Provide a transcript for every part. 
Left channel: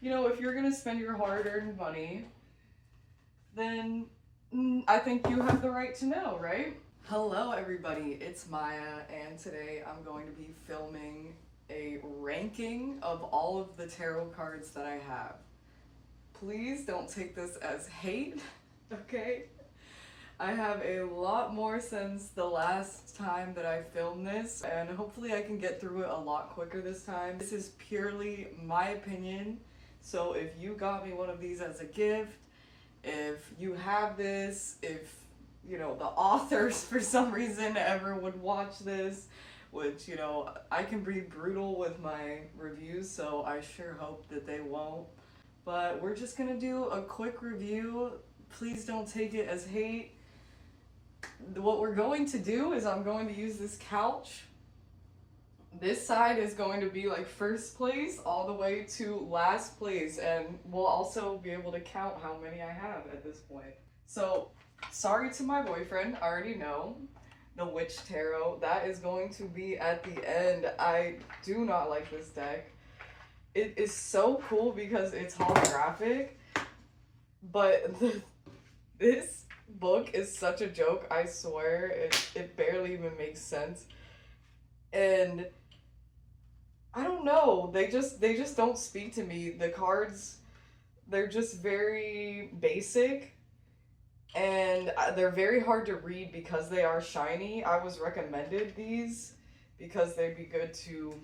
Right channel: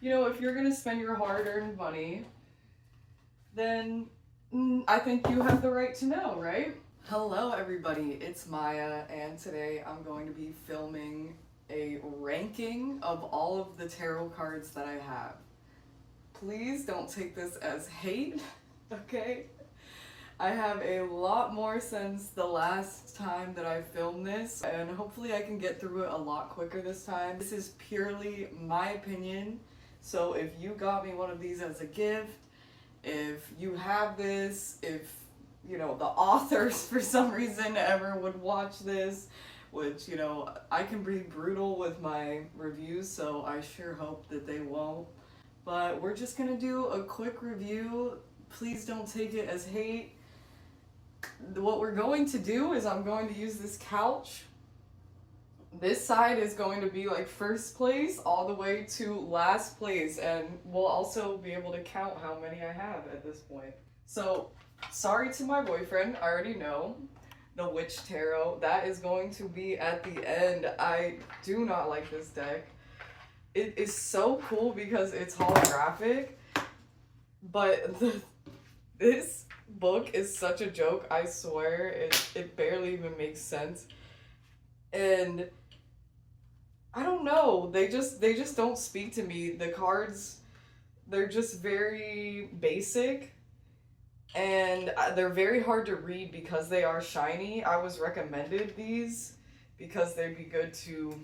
you know, if you're gonna spend your hard-earned money, then I think you have the right to know, right? Hello everybody, it's Maya, and today I'm going to be filming a ranking of all of the tarot cards that I have. Please don't take this as hate, okay? I have a lot more since the last time that I filmed this, and hopefully I can get through it a lot quicker this time. This is purely my opinion, so if you got me one of these as a gift, if you have this, if, you know, the authors for some reason ever would watch this, which, you know, I can be brutal with my reviews, so I sure hope that they won't. But we're just gonna do a quick review. Please don't take it as hate. What we're going to do is I'm going to use this couch. This side is going to be like first place all the way to last place, and we'll also be able to count how many I have at this point. So, sorry to my boyfriend, I already know. The Witch Tarot, that is going to be at the end. I do not like this deck. It is so cool because it's holographic, but this book is such a joke, I swear. It barely even makes sense. And I don't know, they just don't speak to me. The cards, they're just very basic, and they're very hard to read because they are shiny. I was recommended these because they'd be good to,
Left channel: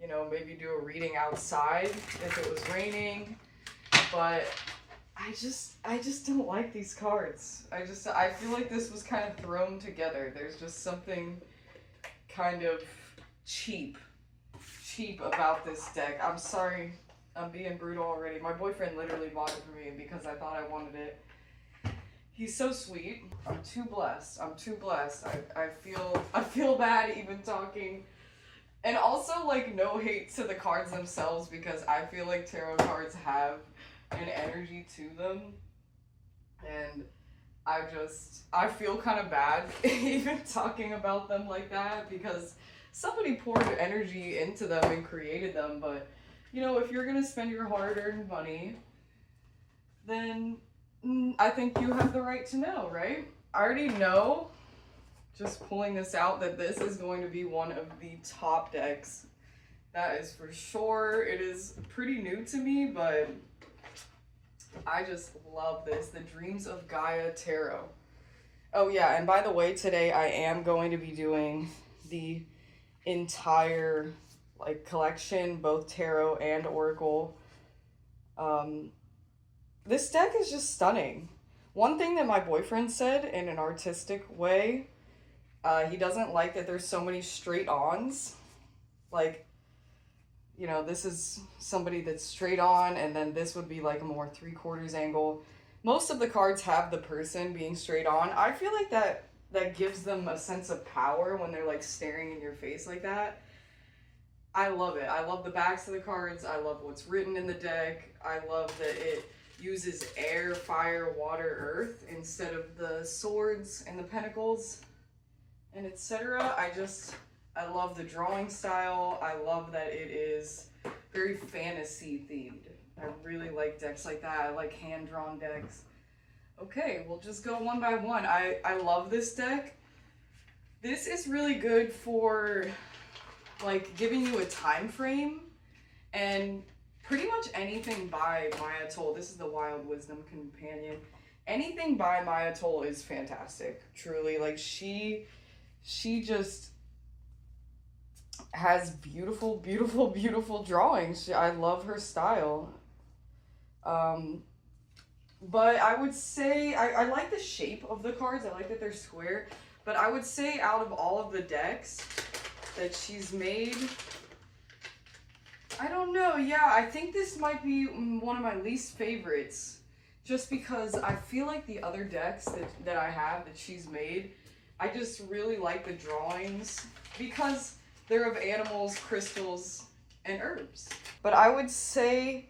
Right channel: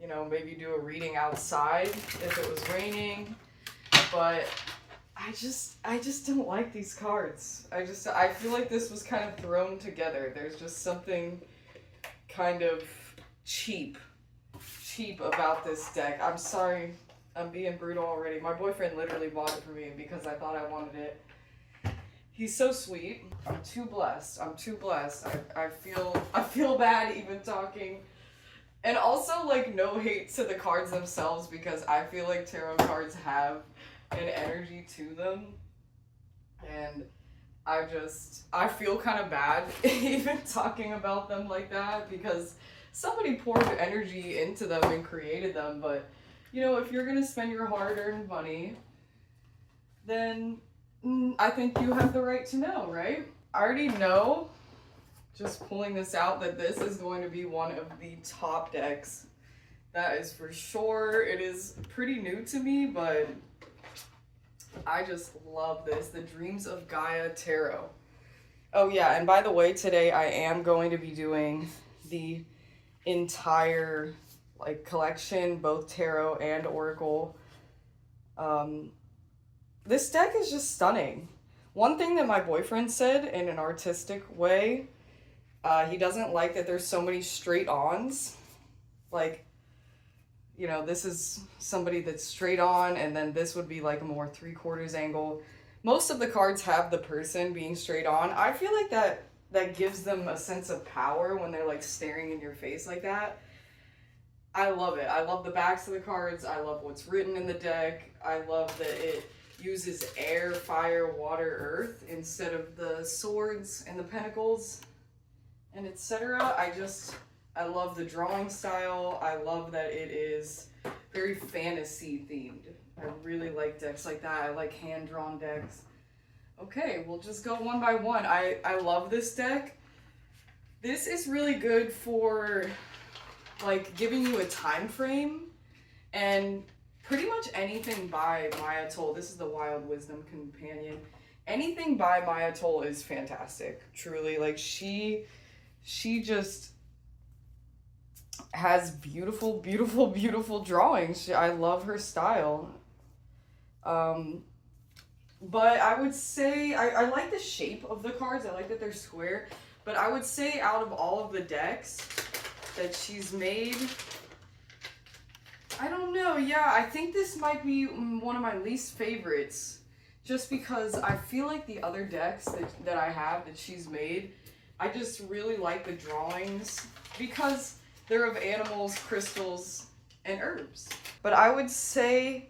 you know, maybe do a reading outside if it was raining, but I just don't like these cards. I feel like this was kind of thrown together. There's just something kind of cheap about this deck. I'm sorry, I'm being brutal already. My boyfriend literally bought it for me because I thought I wanted it. He's so sweet. I'm too blessed. I feel bad even talking. And also, like, no hate to the cards themselves, because I feel like tarot cards have an energy to them, and I feel kind of bad even talking about them like that, because somebody poured energy into them and created them. But, you know, if you're gonna spend your hard-earned money, then I think you have the right to know, right? I already know, just pulling this out, that this is going to be one of the top decks. That is for sure. It is pretty new to me, but I just love this. The Dreams of Gaia Tarot. Oh yeah, and by the way, today I am going to be doing the entire, like, collection, both tarot and oracle. This deck is just stunning. One thing that my boyfriend said in an artistic way, he doesn't like that there's so many straight ons. Like, you know, this is somebody that's straight on, and then this would be like a more 3/4 angle. Most of the cards have the person being straight on. I feel like that gives them a sense of power when they're like staring in your face like that. I love it. I love the backs of the cards. I love what's written in the deck. I love that it uses air, fire, water, earth instead of the swords and the pentacles and etc. I love the drawing style. I love that it is very fantasy themed. I really like decks like that. I like hand-drawn decks. Okay, we'll just go one by one. I love this deck. This is really good for, like, giving you a time frame, and pretty much anything by Maia Toll. This is the Wild Wisdom Companion. Anything by Maia Toll is fantastic, truly. Like, she just has beautiful, beautiful, beautiful drawings. I love her style. But I would say, I like the shape of the cards. I like that they're square. But I would say out of all of the decks that she's made, I don't know, yeah, I think this might be one of my least favorites. Just because I feel like the other decks that I have that she's made, I just really like the drawings because they're of animals, crystals, and herbs. But I would say,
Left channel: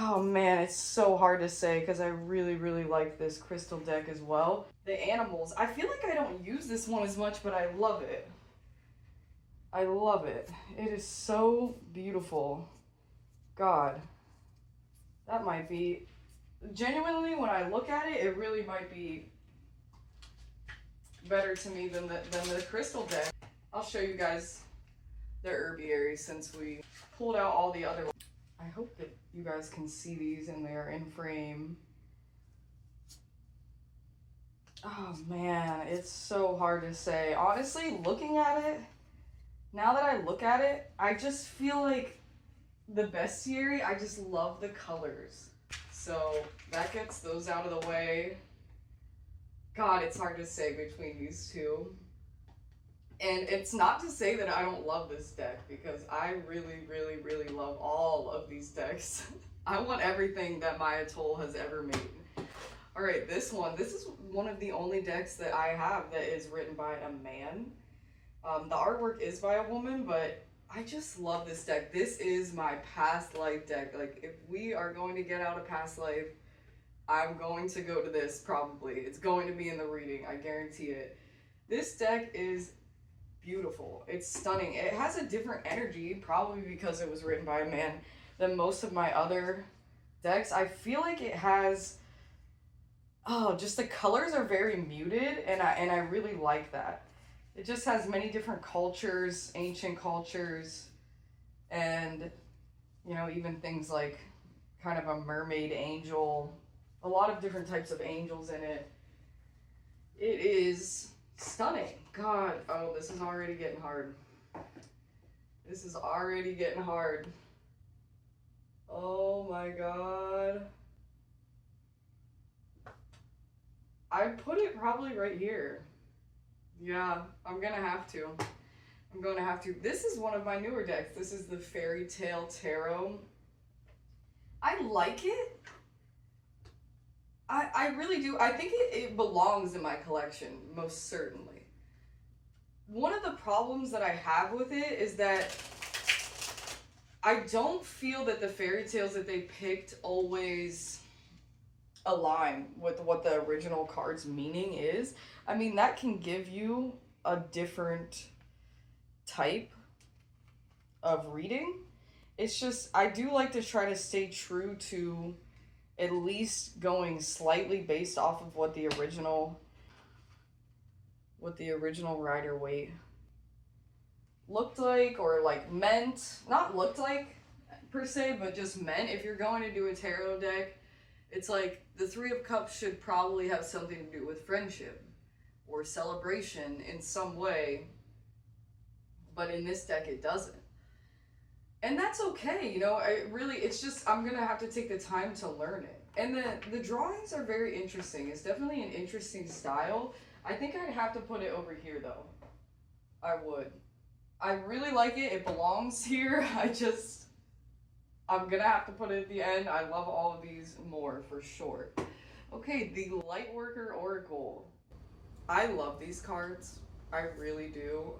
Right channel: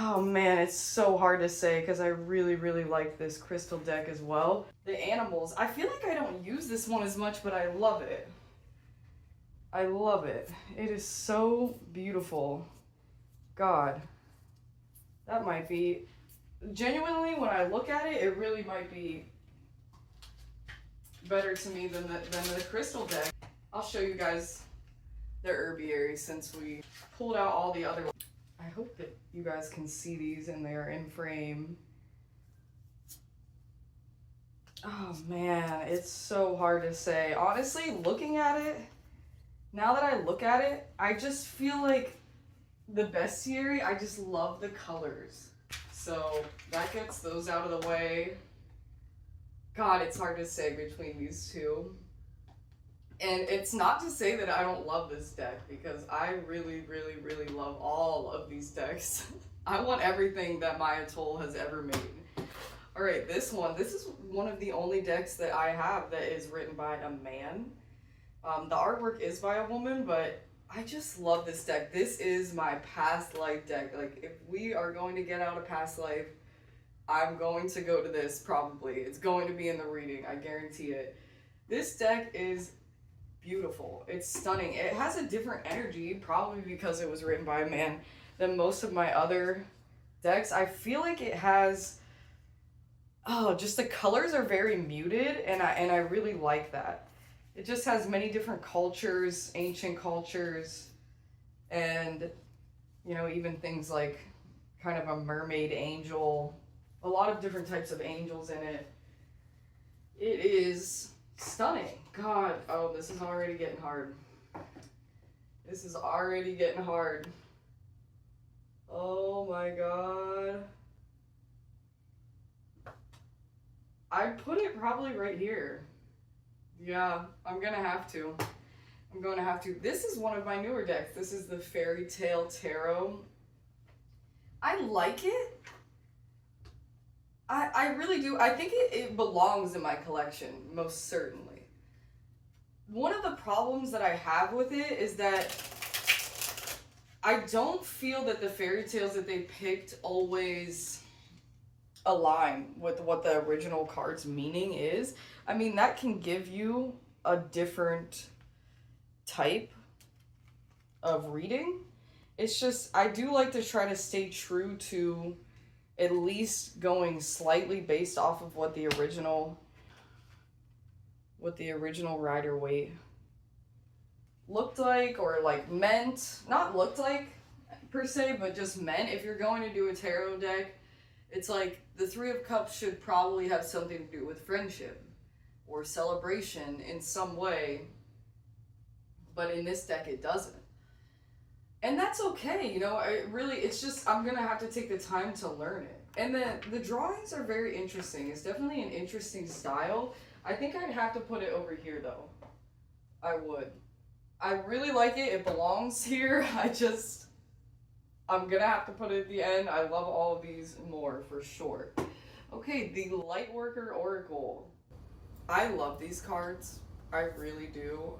oh man, it's so hard to say because I really, really like this crystal deck as well. The animals, I feel like I don't use this one as much, but I love it. I love it. It is so beautiful. God, that might be, genuinely, when I look at it, it really might be better to me than the crystal deck. I'll show you guys the herbiary since we pulled out all the other ones. I hope that you guys can see these and they're in frame. Oh man, it's so hard to say. Honestly, looking at it, now that I look at it, I just feel like the bestiary, I just love the colors. So that gets those out of the way. God, it's hard to say between these two. And it's not to say that I don't love this deck, because I really, really, really love all of these decks. I want everything that Maia Toll has ever made. All right, this is one of the only decks that I have that is written by a man. The artwork is by a woman, but I just love this deck. This is my past life deck. Like, if we are going to get out of past life, I'm going to go to this probably. It's going to be in the reading, I guarantee it. This deck is beautiful. It's stunning. It has a different energy, probably because it was written by a man, than most of my other decks. I feel like it has, oh, just the colors are very muted, and I really like that. It just has many different cultures, ancient cultures, and, you know, even things like kind of a mermaid angel, a lot of different types of angels in it. It is stunning. God, oh, this is already getting hard. This is already getting hard. Oh my God. I put it probably right here. Yeah, I'm gonna have to. I'm going to have to. This is one of my newer decks. This is the Fairy Tale Tarot. I like it. I really do. I think it belongs in my collection, most certainly. One of the problems that I have with it is that I don't feel that the fairy tales that they picked always align with what the original card's meaning is. I mean, that can give you a different type of reading. It's just, I do like to try to stay true to at least going slightly based off of what the original Rider-Waite looked like, or like meant, not looked like per se, but just meant. If you're going to do a tarot deck, it's like the Three of Cups should probably have something to do with friendship or celebration in some way, but in this deck it doesn't. And that's okay, you know, it's just, I'm gonna have to take the time to learn it. And the drawings are very interesting. It's definitely an interesting style. I think I'd have to put it over here though. I would. I really like it. It belongs here. I'm gonna have to put it at the end. I love all of these more for sure. Okay, the Lightworker Oracle. I love these cards. I really do.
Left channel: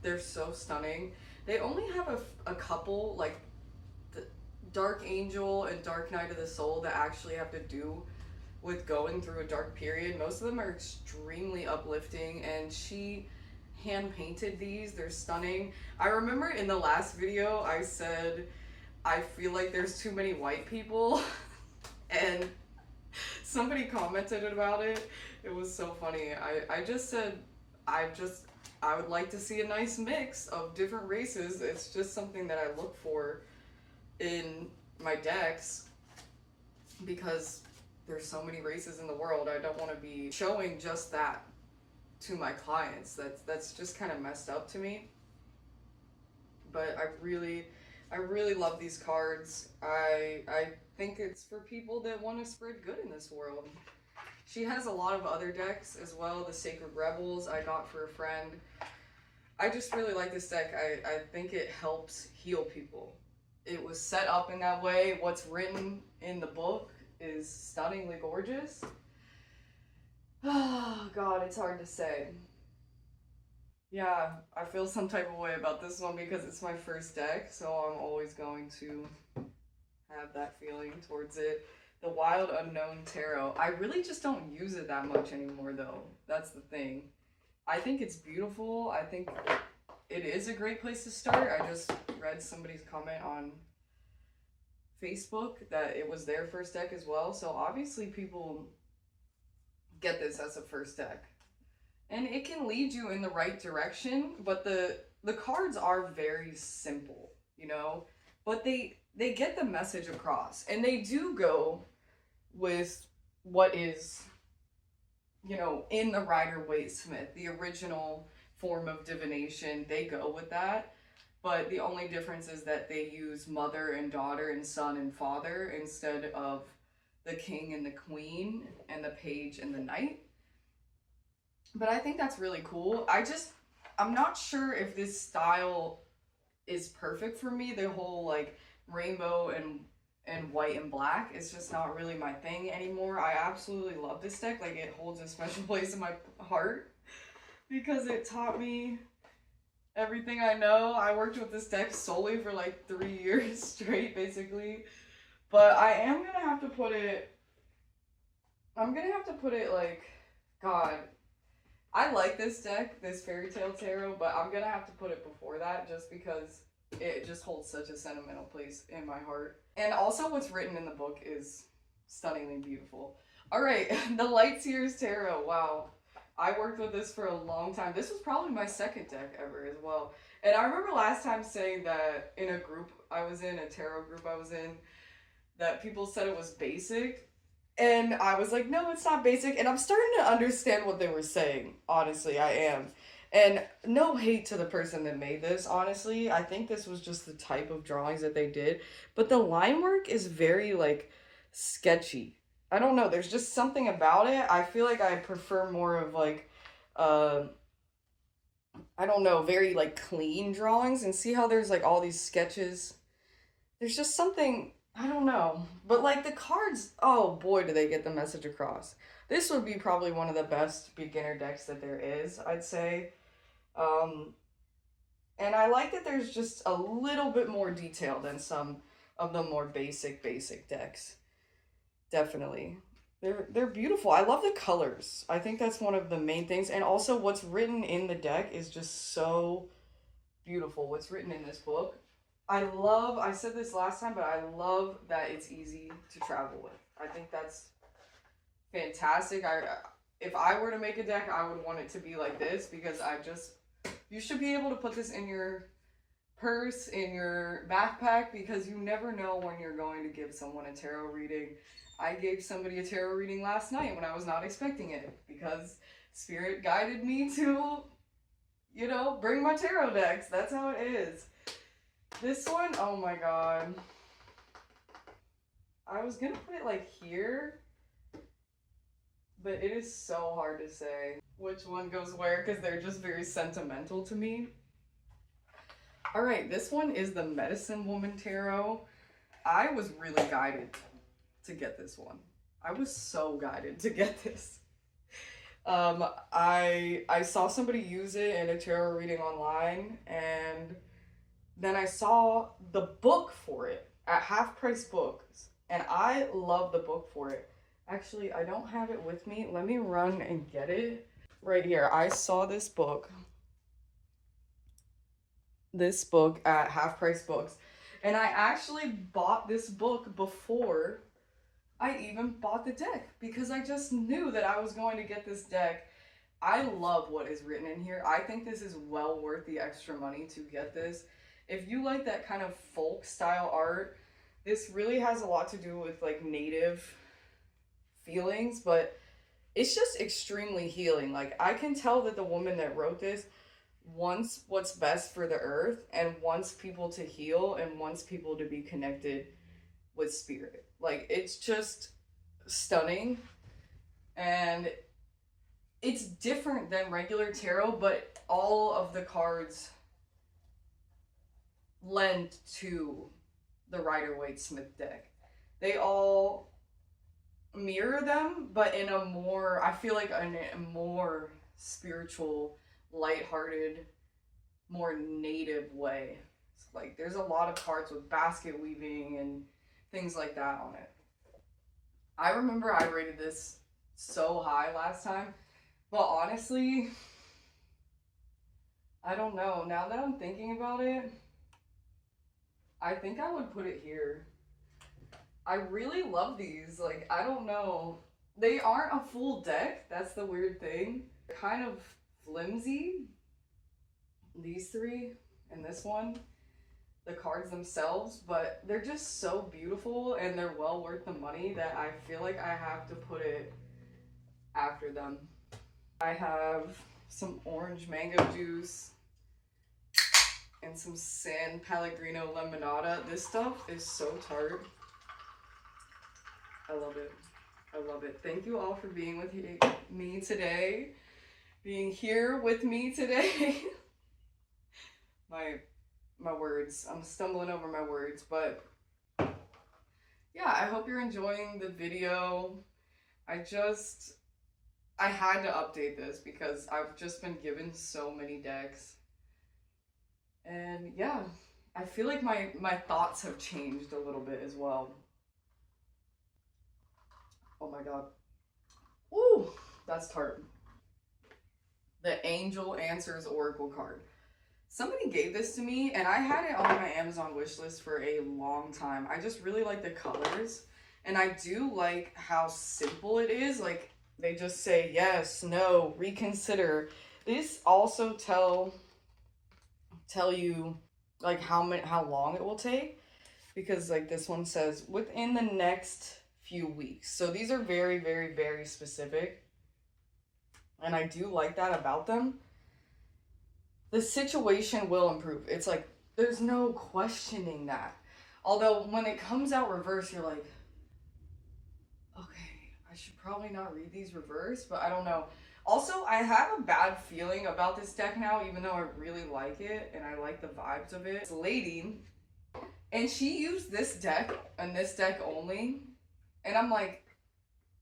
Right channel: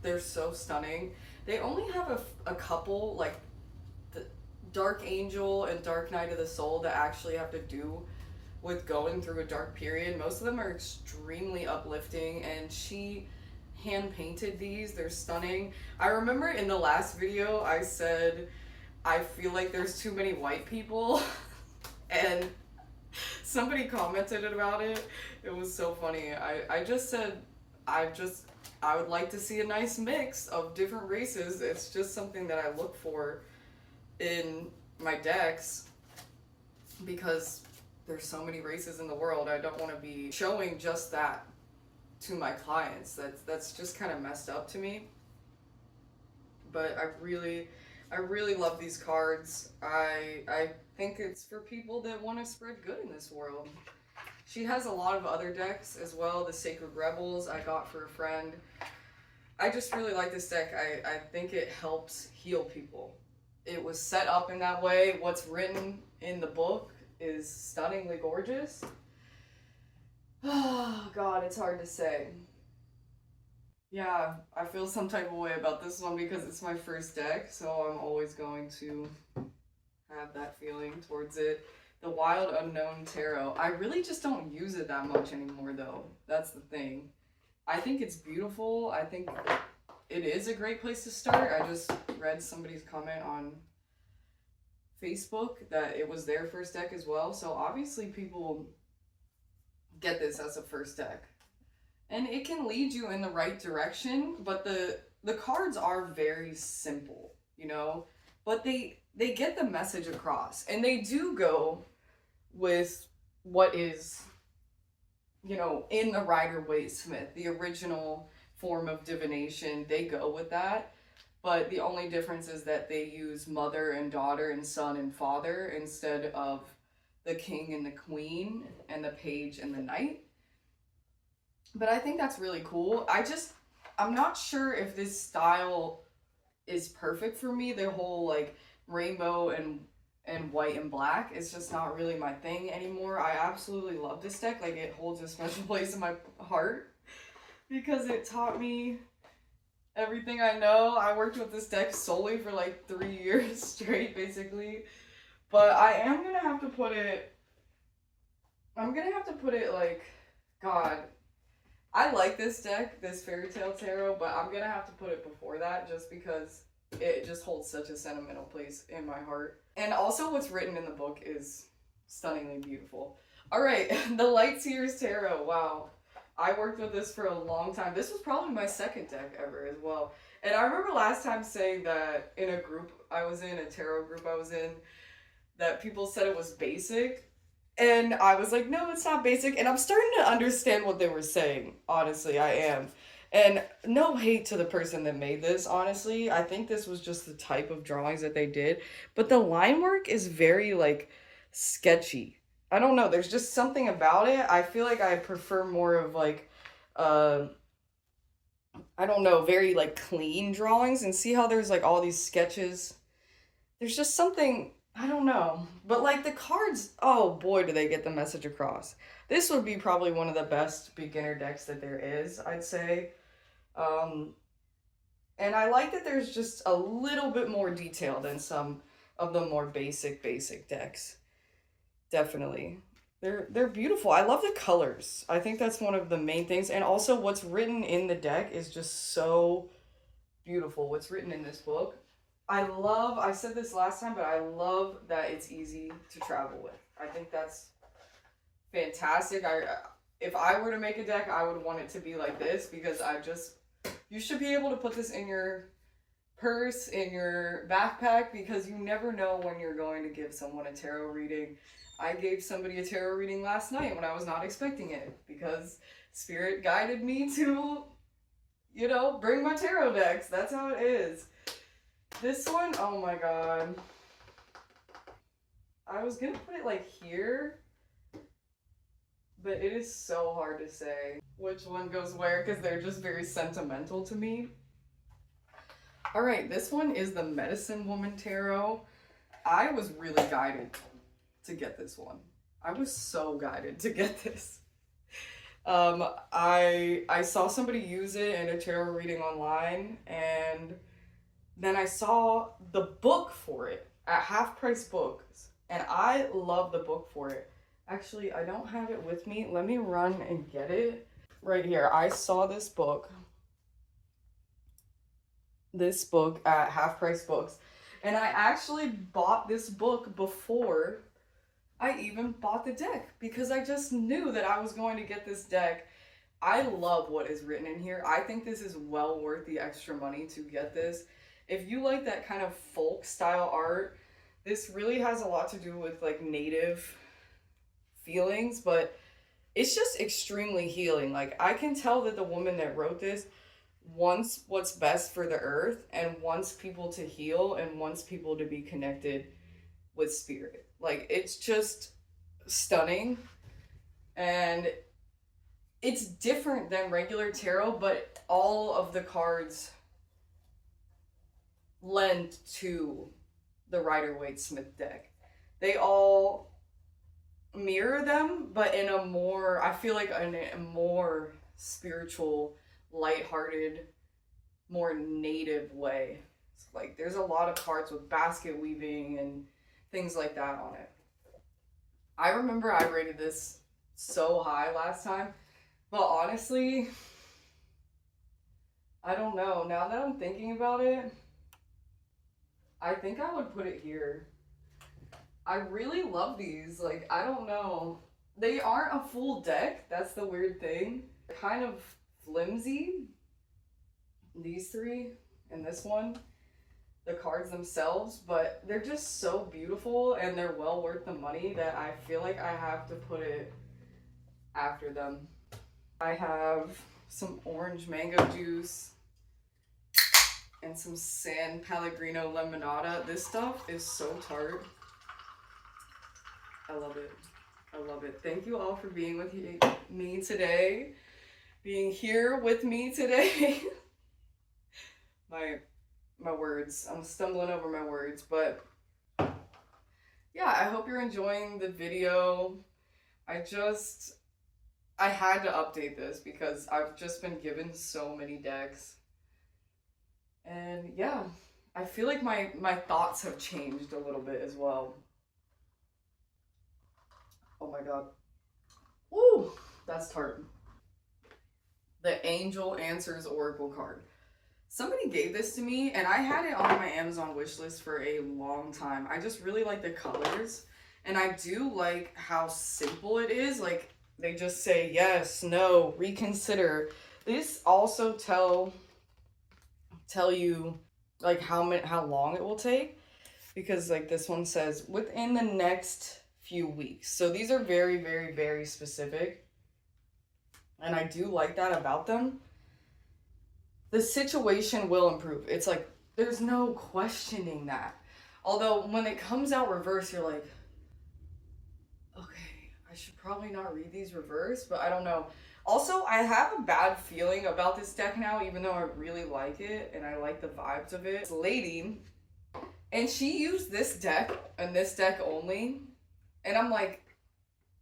They're so stunning. They only have a couple, like the Dark Angel and Dark Night of the Soul, that actually have to do with going through a dark period. Most of them are extremely uplifting, and she hand painted these. They're stunning. I remember in the last video I said I feel like there's too many white people and somebody commented about it. It was so funny. I just said I would like to see a nice mix of different races. It's just something that I look for in my decks because there's so many races in the world. I don't want to be showing just that to my clients. That's just kind of messed up to me. But I really love these cards. I think it's for people that want to spread good in this world. She has a lot of other decks as well. The Sacred Rebels I got for a friend. I just really like this deck. I think it helps heal people. It was set up in that way. What's written in the book is stunningly gorgeous. Oh God, it's hard to say. Yeah, I feel some type of way about this one because it's my first deck, so I'm always going to have that feeling towards it. The Wild Unknown Tarot. I really just don't use it that much anymore though. That's the thing. I think it's beautiful. I think it is a great place to start. I just read somebody's comment on Facebook that it was their first deck as well. So obviously people get this as a first deck. And it can lead you in the right direction, but the cards are very simple, you know? But they get the message across. And they do go with what is, you know, in the Rider-Waite-Smith, the original form of divination. They go with that. But the only difference is that they use mother and daughter and son and father instead of the king and the queen and the page and the knight. But I think that's really cool. I'm not sure if this style is perfect for me. The whole like rainbow and white and black is just not really my thing anymore. I absolutely love this deck. Like, it holds a special place in my heart because it taught me everything I know. I worked with this deck solely for like 3 years straight, basically. But I am gonna have to put it, like, God, I like this deck, this Fairy Tale Tarot, but I'm gonna have to put it before that just because it just holds such a sentimental place in my heart. And also what's written in the book is stunningly beautiful. All right, the Lightseers Tarot, wow. I worked with this for a long time. This was probably my second deck ever as well. And I remember last time saying that in a group I was in, a tarot group I was in, that people said it was basic. And I was like, no, it's not basic. And I'm starting to understand what they were saying. Honestly, I am. And no hate to the person that made this, honestly. I think this was just the type of drawings that they did. But the line work is very, like, sketchy. I don't know, there's just something about it. I feel like I prefer more of like, I don't know, very like clean drawings. And see how there's like all these sketches? There's just something, I don't know. But like the cards, oh boy, do they get the message across. This would be probably one of the best beginner decks that there is, I'd say. And I like that there's just a little bit more detail than some of the more basic decks. Definitely. They're beautiful. I love the colors. I think that's one of the main things. And also what's written in the deck is just so beautiful. What's written in this book. I said this last time, but I love that it's easy to travel with. I think that's fantastic. If I were to make a deck, I would want it to be like this because you should be able to put this in your purse, in your backpack, because you never know when you're going to give someone a tarot reading. I gave somebody a tarot reading last night when I was not expecting it because Spirit guided me to, you know, bring my tarot decks. That's how it is. This one, oh my god. I was gonna put it like here, but it is so hard to say which one goes where because they're just very sentimental to me. All right, this one is the Medicine Woman Tarot. I was really guided to get this one. I was so guided to get this. I saw somebody use it in a tarot reading online, and then I saw the book for it at Half Price Books, and I love the book for it. Actually, I don't have it with me. Let me run and get it. Right here. I saw this book at Half Price Books, and I actually bought this book before I even bought the deck because I just knew that I was going to get this deck. I love what is written in here. I think this is well worth the extra money to get this. If you like that kind of folk style art, this really has a lot to do with like native feelings, but it's just extremely healing. Like, I can tell that the woman that wrote this wants what's best for the earth and wants people to heal and wants people to be connected with spirit. Like, it's just stunning, and it's different than regular tarot, but all of the cards lend to the Rider-Waite-Smith deck. They all mirror them, but in a more, I feel like in a more spiritual, lighthearted, more native way. It's like there's a lot of cards with basket weaving and things like that on it. I remember I rated this so high last time, but honestly, I don't know. Now that I'm thinking about it, I think I would put it here. I really love these. Like, I don't know. They aren't a full deck. That's the weird thing. They're kind of flimsy. These three and this one. The cards themselves, but they're just so beautiful and they're well worth the money that I feel like I have to put it after them. I have some orange mango juice and some San Pellegrino Limonada. This stuff is so tart. I love it. I love it. Thank you all for being with me today. Being here with me today. My words. I'm stumbling over my words, but yeah, I hope you're enjoying the video. I had to update this because I've just been given so many decks. And yeah, I feel like my thoughts have changed a little bit as well. Oh my god. Ooh, that's tart. The Angel Answers Oracle card. Somebody gave this to me and I had it on my Amazon wish list for a long time. I just really like the colors and I do like how simple it is. Like they just say yes, no, reconsider. These also tell you like how long it will take, because like this one says within the next few weeks. So these are very, very, very specific. And I do like that about them. The situation will improve. It's like, there's no questioning that. Although when it comes out reverse, you're like, okay, I should probably not read these reverse, but I don't know. Also, I have a bad feeling about this deck now, even though I really like it and I like the vibes of it. It's a lady, and she used this deck and this deck only. And I'm like,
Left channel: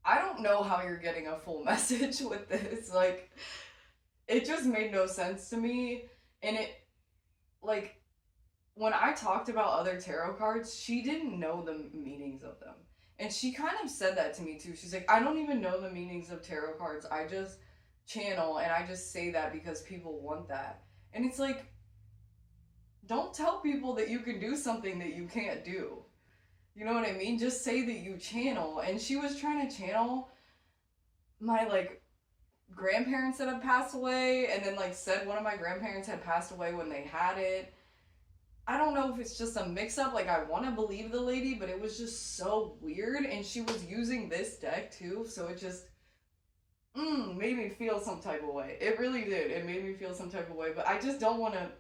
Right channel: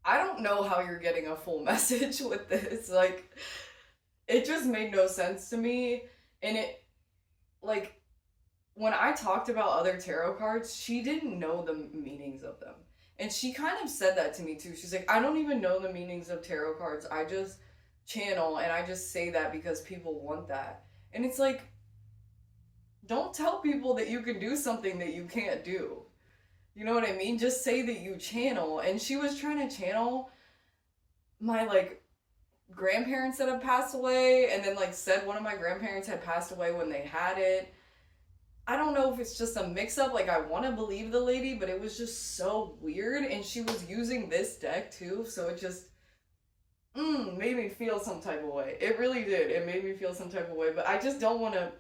I don't know how you're getting a full message with this. Like, it just made no sense to me. And it, like, when I talked about other tarot cards, she didn't know the meanings of them. And she kind of said that to me too. She's like, I don't even know the meanings of tarot cards. I just channel and I just say that because people want that. And it's like, don't tell people that you can do something that you can't do. You know what I mean? Just say that you channel. And she was trying to channel my, like, grandparents that had passed away, and then, like, said one of my grandparents had passed away when they had it. I don't know if it's just a mix-up. Like, I want to believe the lady, but it was just so weird. And she was using this deck, too, so it just made me feel some type of way. It really did. It made me feel some type of way, but I just don't want to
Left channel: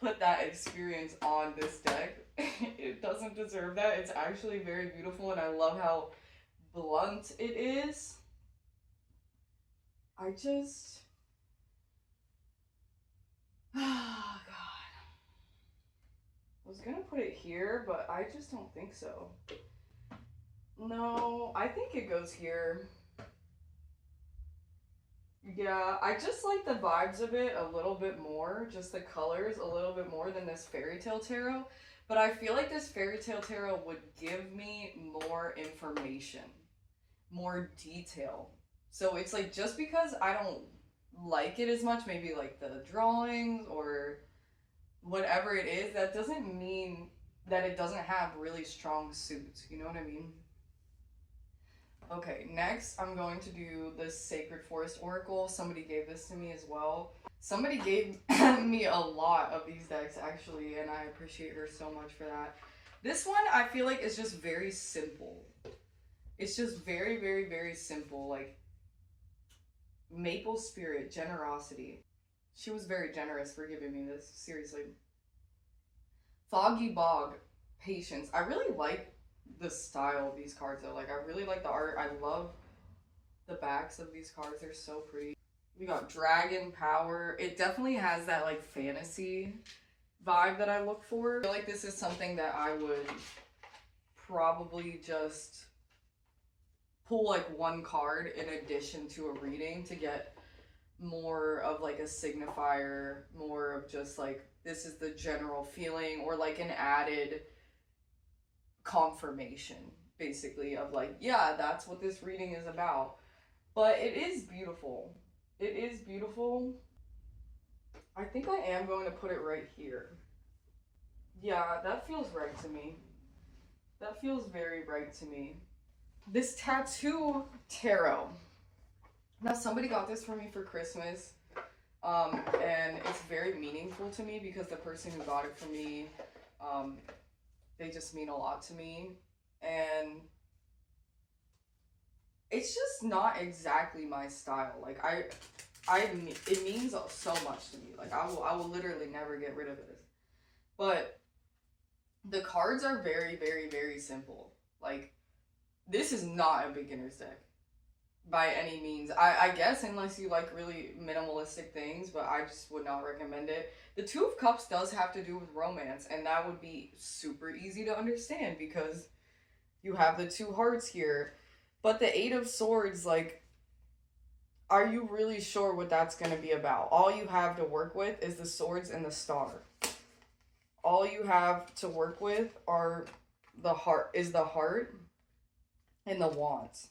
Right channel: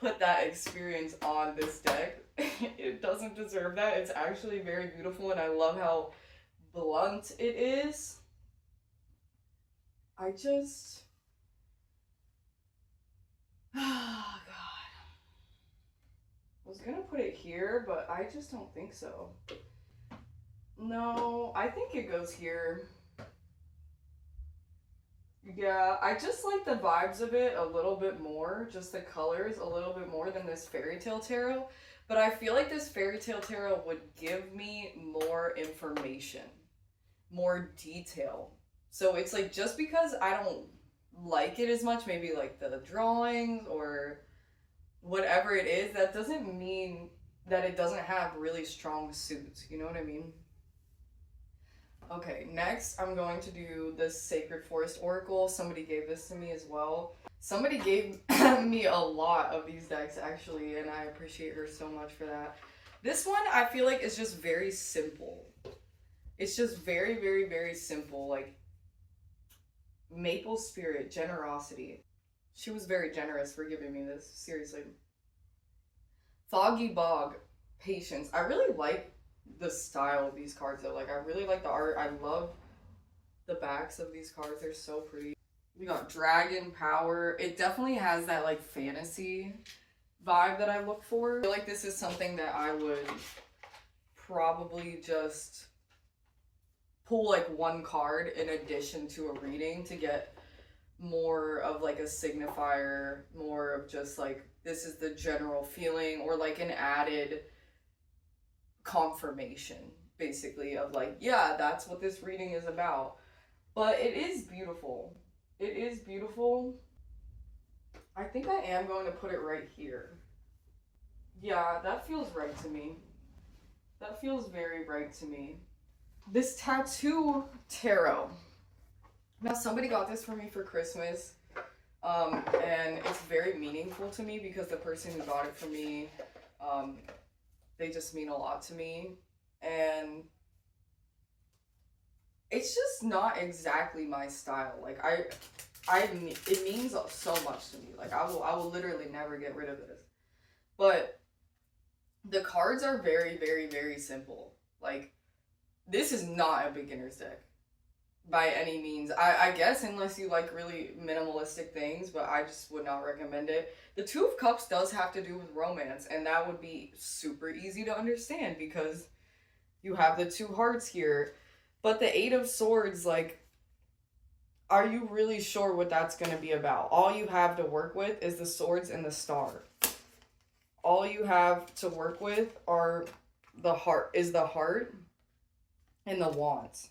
put that experience on this deck. It doesn't deserve that. It's actually very beautiful, and I love how blunt it is. I just... oh, God. I was gonna put it here, but I just don't think so. No, I think it goes here. Yeah, I just like the vibes of it a little bit more, just the colors a little bit more than this Fairy Tale Tarot. But I feel like this Fairy Tale Tarot would give me more information, more detail. So it's like, just because I don't like it as much, maybe like the drawings or whatever it is, that doesn't mean that it doesn't have really strong suits. You know what I mean? Okay, next I'm going to do the Sacred Forest Oracle. Somebody gave this to me as well. Somebody gave me a lot of these decks, actually, and I appreciate her so much for that. This one, I feel like, is just very simple. It's just very, very, very simple. Like, Maple Spirit, Generosity. She was very generous for giving me this, seriously. Foggy Bog, Patience. I really like the style of these cards, though. Like, I really like the art. I love the backs of these cards. They're so pretty. We got Dragon Power. It definitely has that, like, fantasy vibe that I look for. I feel like this is something that I would probably just pull, like, one card in addition to a reading to get more of, like, a signifier, more of just, like, this is the general feeling, or, like, an added confirmation, basically, of, like, yeah, that's what this reading is about. But it is beautiful. It is beautiful. I think I am going to put it right here. Yeah, that feels right to me. That feels very right to me. This tattoo tarot. Now, somebody got this for me for Christmas, and it's very meaningful to me because the person who got it for me, they just mean a lot to me, and it's just not exactly my style. Like, it means so much to me. Like, I will literally never get rid of this. But the cards are very, very, very simple. Like, this is not a beginner's deck by any means. I guess unless you like really minimalistic things, but I just would not recommend it. The Two of Cups does have to do with romance, and that would be super easy to understand because you have the two hearts here. But the Eight of Swords, like, are you really sure what that's going to be about? All you have to work with is the swords and the star. All you have to work with are the heart and the wands.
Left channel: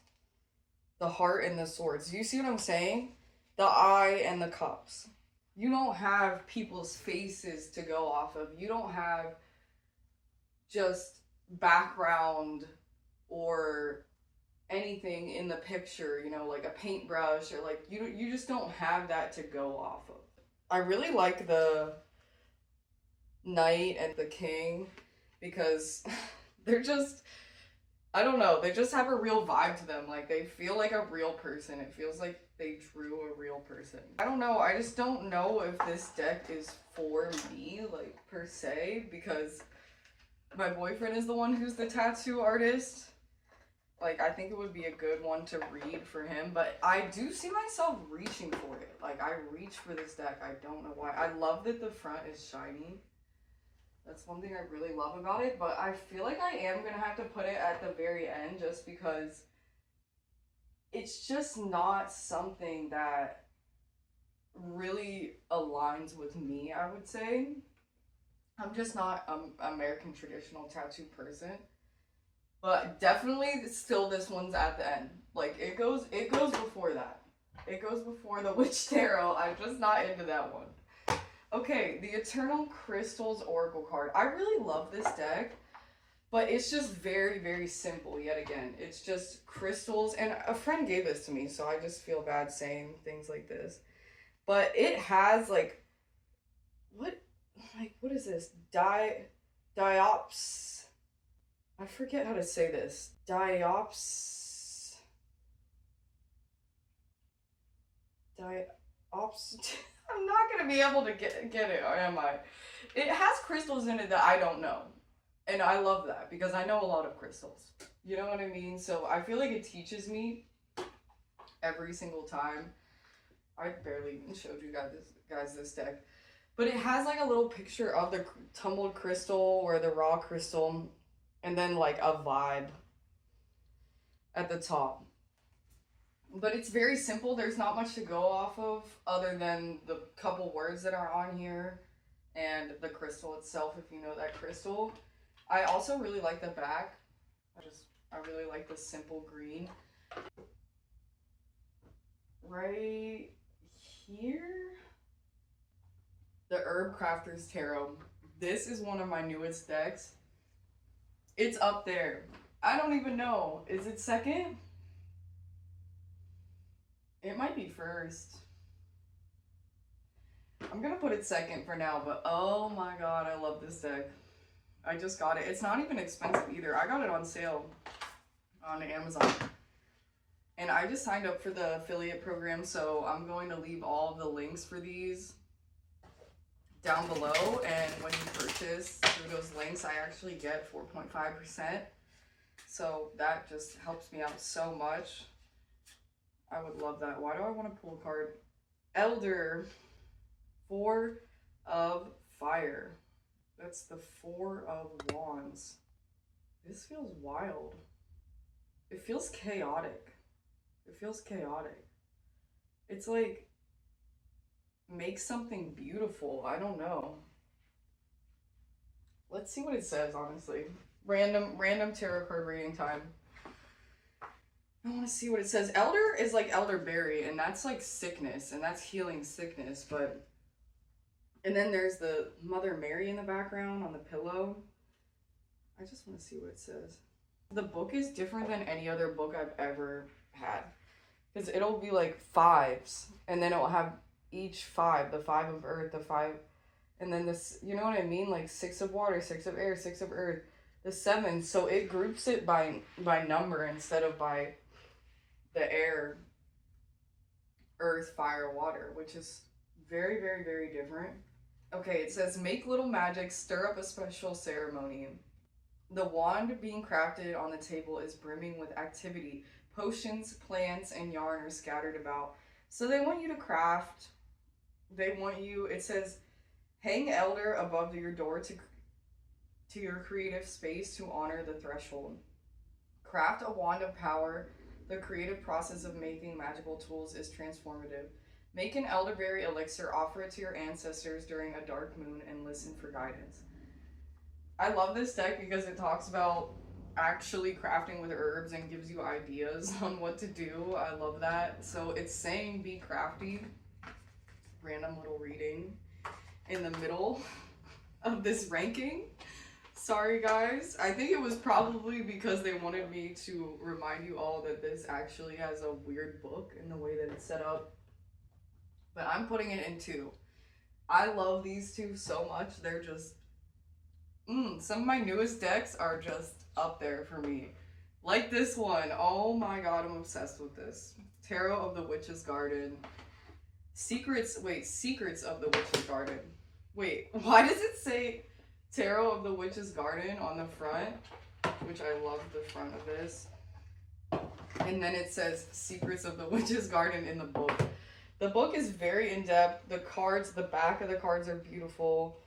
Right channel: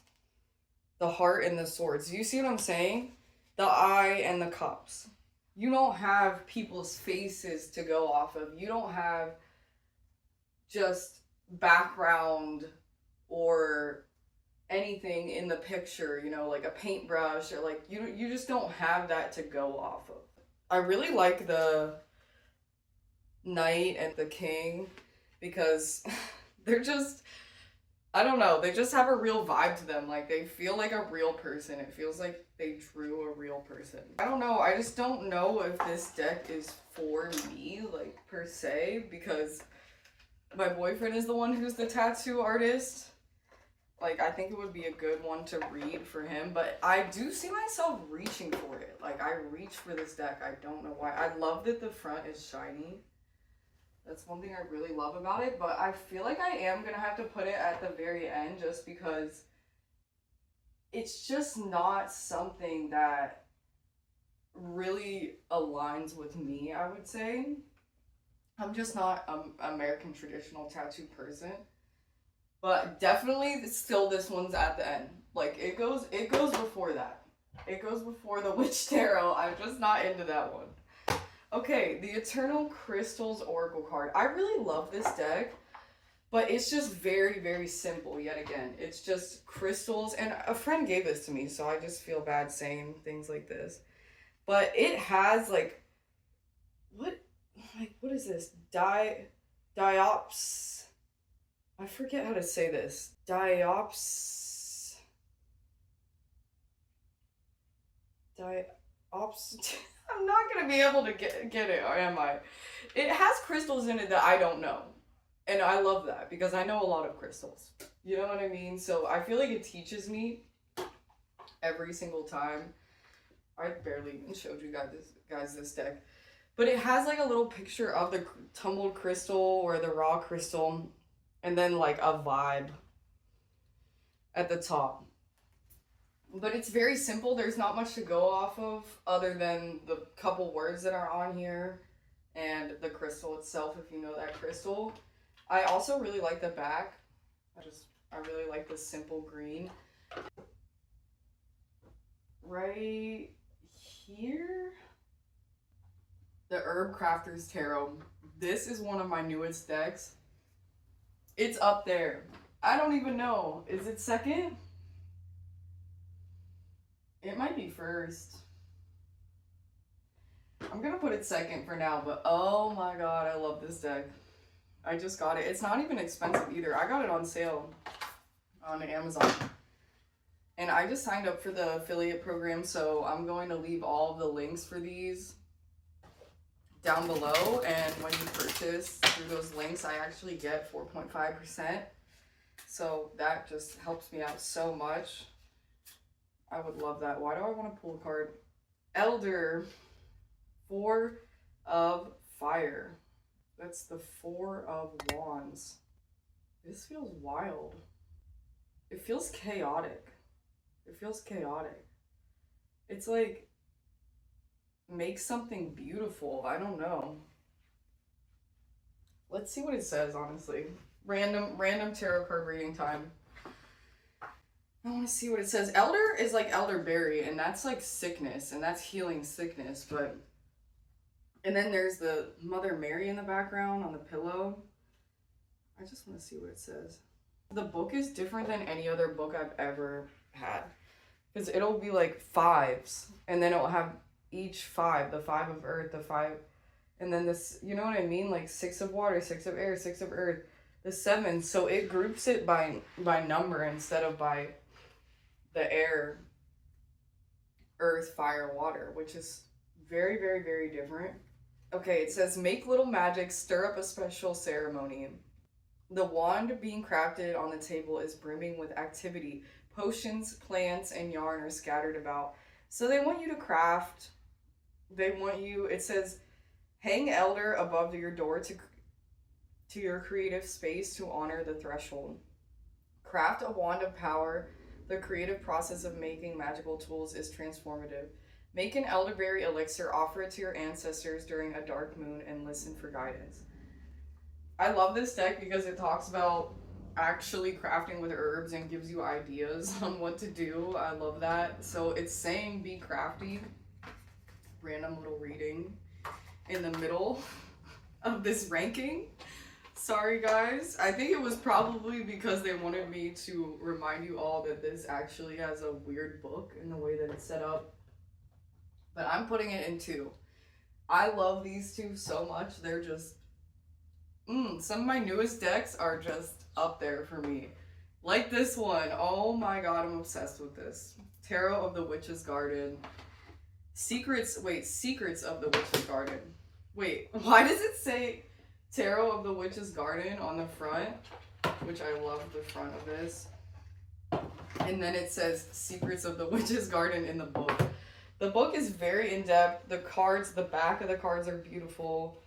The heart and the swords. Do you see what I'm saying? The eye and the cups. You don't have people's faces to go off of. You don't have just background or anything in the picture, you know, like a paintbrush, or like you just don't have that to go off of. I really like the Knight and the King because they're just, I don't know, they just have a real vibe to them. Like, they feel like a real person. It feels like they drew a real person. I don't know, I just don't know if this deck is for me, like, per se, because my boyfriend is the one who's the tattoo artist. Like, I think it would be a good one to read for him, but I do see myself reaching for it. Like, I reach for this deck. I don't know why. I love that the front is shiny. That's one thing I really love about it, but I feel like I am going to have to put it at the very end just because it's just not something that really aligns with me, I would say. I'm just not an American traditional tattoo person. But definitely still this one's at the end. Like, it goes before that. It goes before the Witch Tarot. I'm just not into that one. Okay, the Eternal Crystals Oracle card. I really love this deck, but it's just very, very simple yet again. It's just crystals, and a friend gave this to me, so I just feel bad saying things like this. But it has, like, what is this? Diops. I forget how to say this. Diops. I'm not going to be able to get it, or am I? It has crystals in it that I don't know. And I love that because I know a lot of crystals. You know what I mean? So I feel like it teaches me every single time. I barely even showed you guys this deck. But it has like a little picture of the tumbled crystal or the raw crystal, and then like a vibe at the top. But it's very simple. There's not much to go off of other than the couple words that are on here and the crystal itself, if you know that crystal. I also really like the back. I really like the simple green. Right here, the Herbcrafters Tarot. This is one of my newest decks. It's up there. I don't even know. Is it second? It might be first. I'm gonna put it second for now, but oh my god, I love this deck. I just got it. It's not even expensive either. I got it on sale on Amazon. And I just signed up for the affiliate program, so I'm going to leave all of the links for these down below. And when you purchase through those links, I actually get 4.5%. So that just helps me out so much. I would love that. Why do I want to pull a card? Elder, 4 of Fire. That's the 4 of Wands. This feels wild. It feels chaotic. It feels chaotic. It's like, make something beautiful. I don't know. Let's see what it says, honestly. Random tarot card reading time. I want to see what it says. Elder is like elderberry, and that's like sickness, and that's healing sickness, but And then there's the Mother Mary in the background on the pillow. I just want to see what it says. The book is different than any other book I've ever had. Because it'll be like fives. And then it'll have each five. The 5 of earth, the 5. And then this, you know what I mean? Like 6 of water, 6 of air, 6 of earth. The 7. So it groups it by number instead of by the air, earth, fire, water. Which is very, very, very different. Okay, it says, make little magic, stir up a special ceremony. The wand being crafted on the table is brimming with activity. Potions, plants, and yarn are scattered about. So they want you to craft. They want you, it says, hang elder above your door to your creative space to honor the threshold. Craft a wand of power. The creative process of making magical tools is transformative. Make an elderberry elixir, offer it to your ancestors during a dark moon, and listen for guidance. I love this deck because it talks about actually crafting with herbs and gives you ideas on what to do. I love that. So it's saying be crafty. Random little reading in the middle of this ranking. Sorry guys. I think it was probably because they wanted me to remind you all that this actually has a weird book in the way that it's set up. But I'm putting it in 2. I love these 2 so much. They're just some of my newest decks are just up there for me. Like this one. Oh my god, I'm obsessed with this. Tarot of the Witch's Garden. Secrets of the Witch's Garden. Wait, why does it say Tarot of the Witch's Garden on the front? Which I love the front of this. And then it says Secrets of the Witch's Garden in the book. The book is very in-depth. The cards, the back of the cards are beautiful.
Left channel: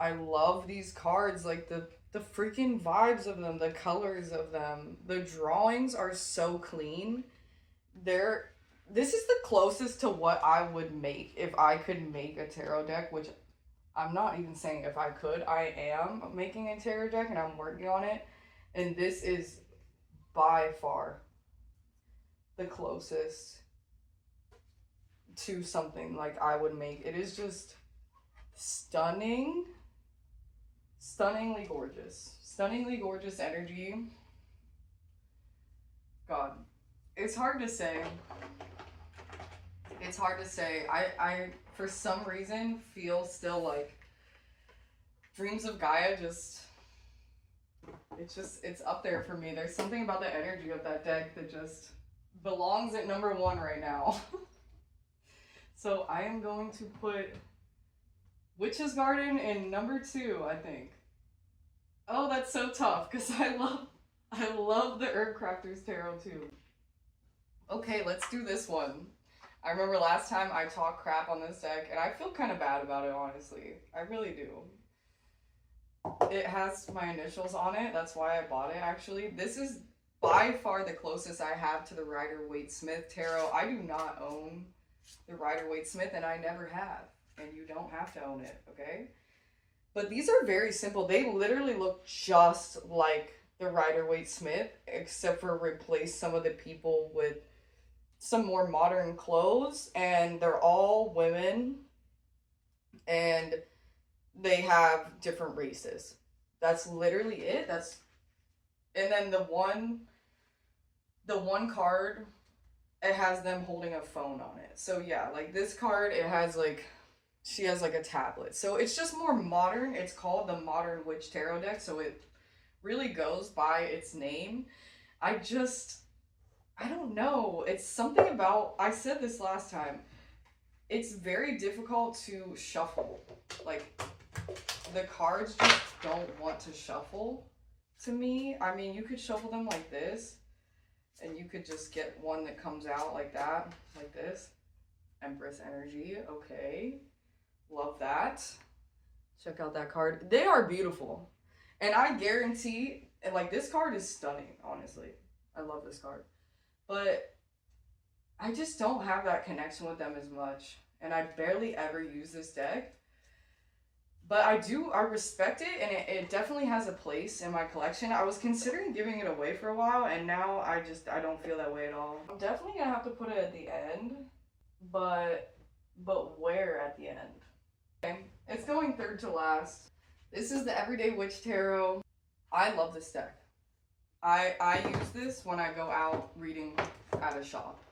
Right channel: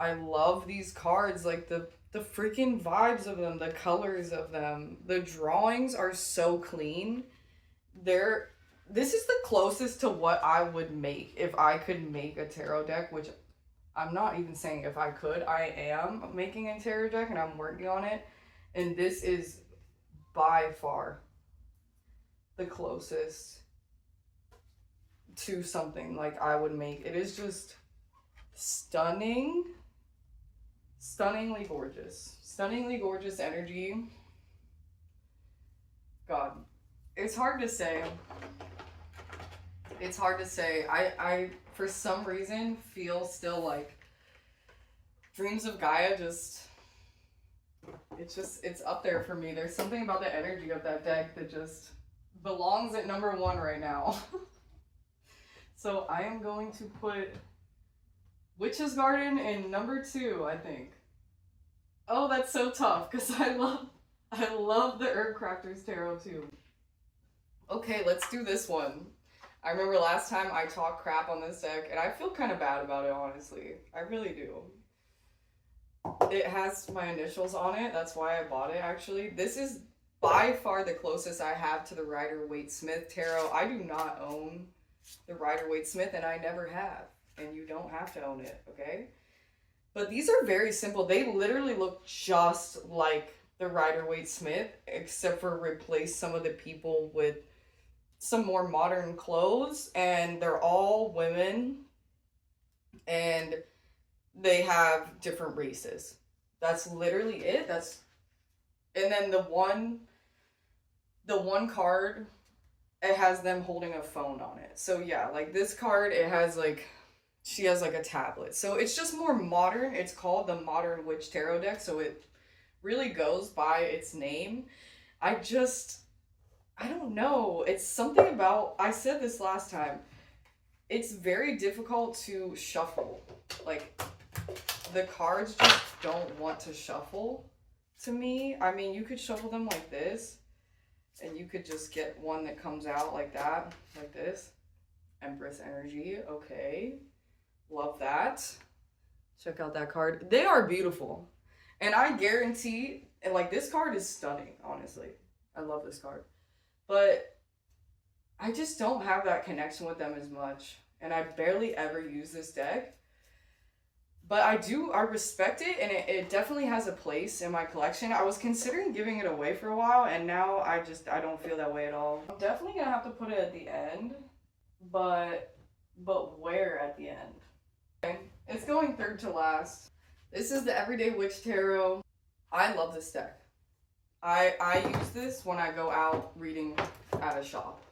I love these cards, like the freaking vibes of them, the colors of them. The drawings are so clean. This is the closest to what I would make if I could make a tarot deck, which I'm not even saying if I could. I am making a tarot deck and I'm working on it. And this is by far the closest to something like I would make. It is just stunning. Stunningly gorgeous. Stunningly gorgeous energy. God. It's hard to say. It's hard to say. I for some reason feel still like Dreams of Gaia it's up there for me. There's something about the energy of that deck that just belongs at number 1 right now. So I am going to put Witch's Garden in number 2, I think. Oh, that's so tough because I love the Herbcrafters Tarot too. Okay, let's do this one. I remember last time I talked crap on this deck and I feel kind of bad about it, honestly. I really do. It has my initials on it. That's why I bought it, actually. This is by far the closest I have to the Rider-Waite-Smith Tarot. I do not own the Rider-Waite-Smith and I never have. And you don't have to own it, okay? But these are very simple. They literally look just like the Rider-Waite-Smith, except for replace some of the people with some more modern clothes. And they're all women. And they have different races. That's literally it. And then the one card, it has them holding a phone on it. So yeah, like this card, it has like, she has like a tablet. So it's just more modern. It's called the Modern Witch Tarot deck. So it really goes by its name. I don't know. It's something about, I said this last time, it's very difficult to shuffle. Like the cards just don't want to shuffle to me. I mean, you could shuffle them like this and you could just get one that comes out like that, like this. Empress energy. Okay. Love that. Check out that card. They are beautiful. And I guarantee, and like this card is stunning, honestly. I love this card. But I just don't have that connection with them as much. And I barely ever use this deck. But I respect it, and it definitely has a place in my collection. I was considering giving it away for a while, and now I don't feel that way at all. I'm definitely gonna have to put it at the end, but where at the end? Okay. It's going third to last. This is the Everyday Witch Tarot. I love this deck. I use this when I go out reading at a shop.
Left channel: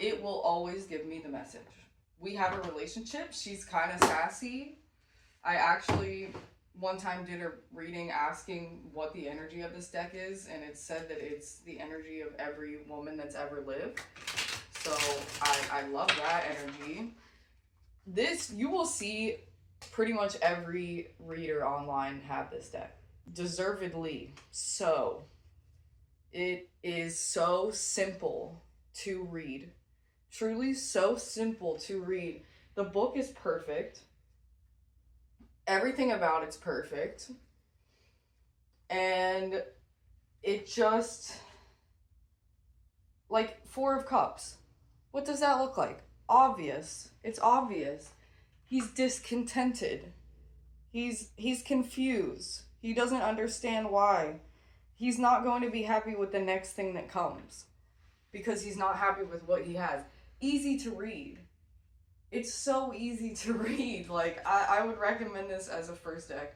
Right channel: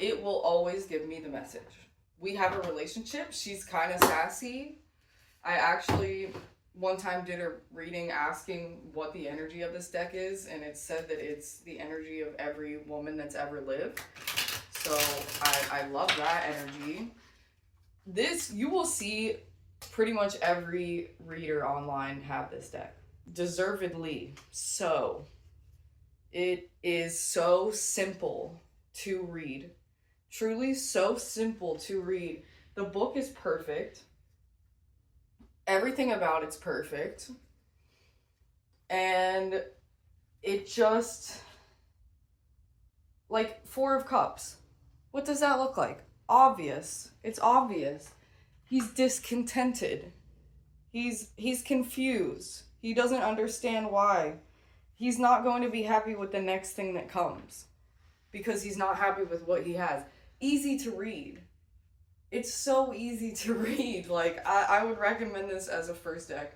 It will always give me the message. We have a relationship. She's kind of sassy. I actually one time did a reading asking what the energy of this deck is, and it said that it's the energy of every woman that's ever lived. So I love that energy. This, you will see pretty much every reader online have this deck. Deservedly so. It is so simple to read. Truly so simple to read. The book is perfect. Everything about it's perfect. And it just, like, Four of Cups. What does that look like? Obvious. It's obvious. He's discontented. He's confused. He doesn't understand why. He's not going to be happy with the next thing that comes because he's not happy with what he has. Easy to read. It's so easy to read. Like, I would recommend this as a first deck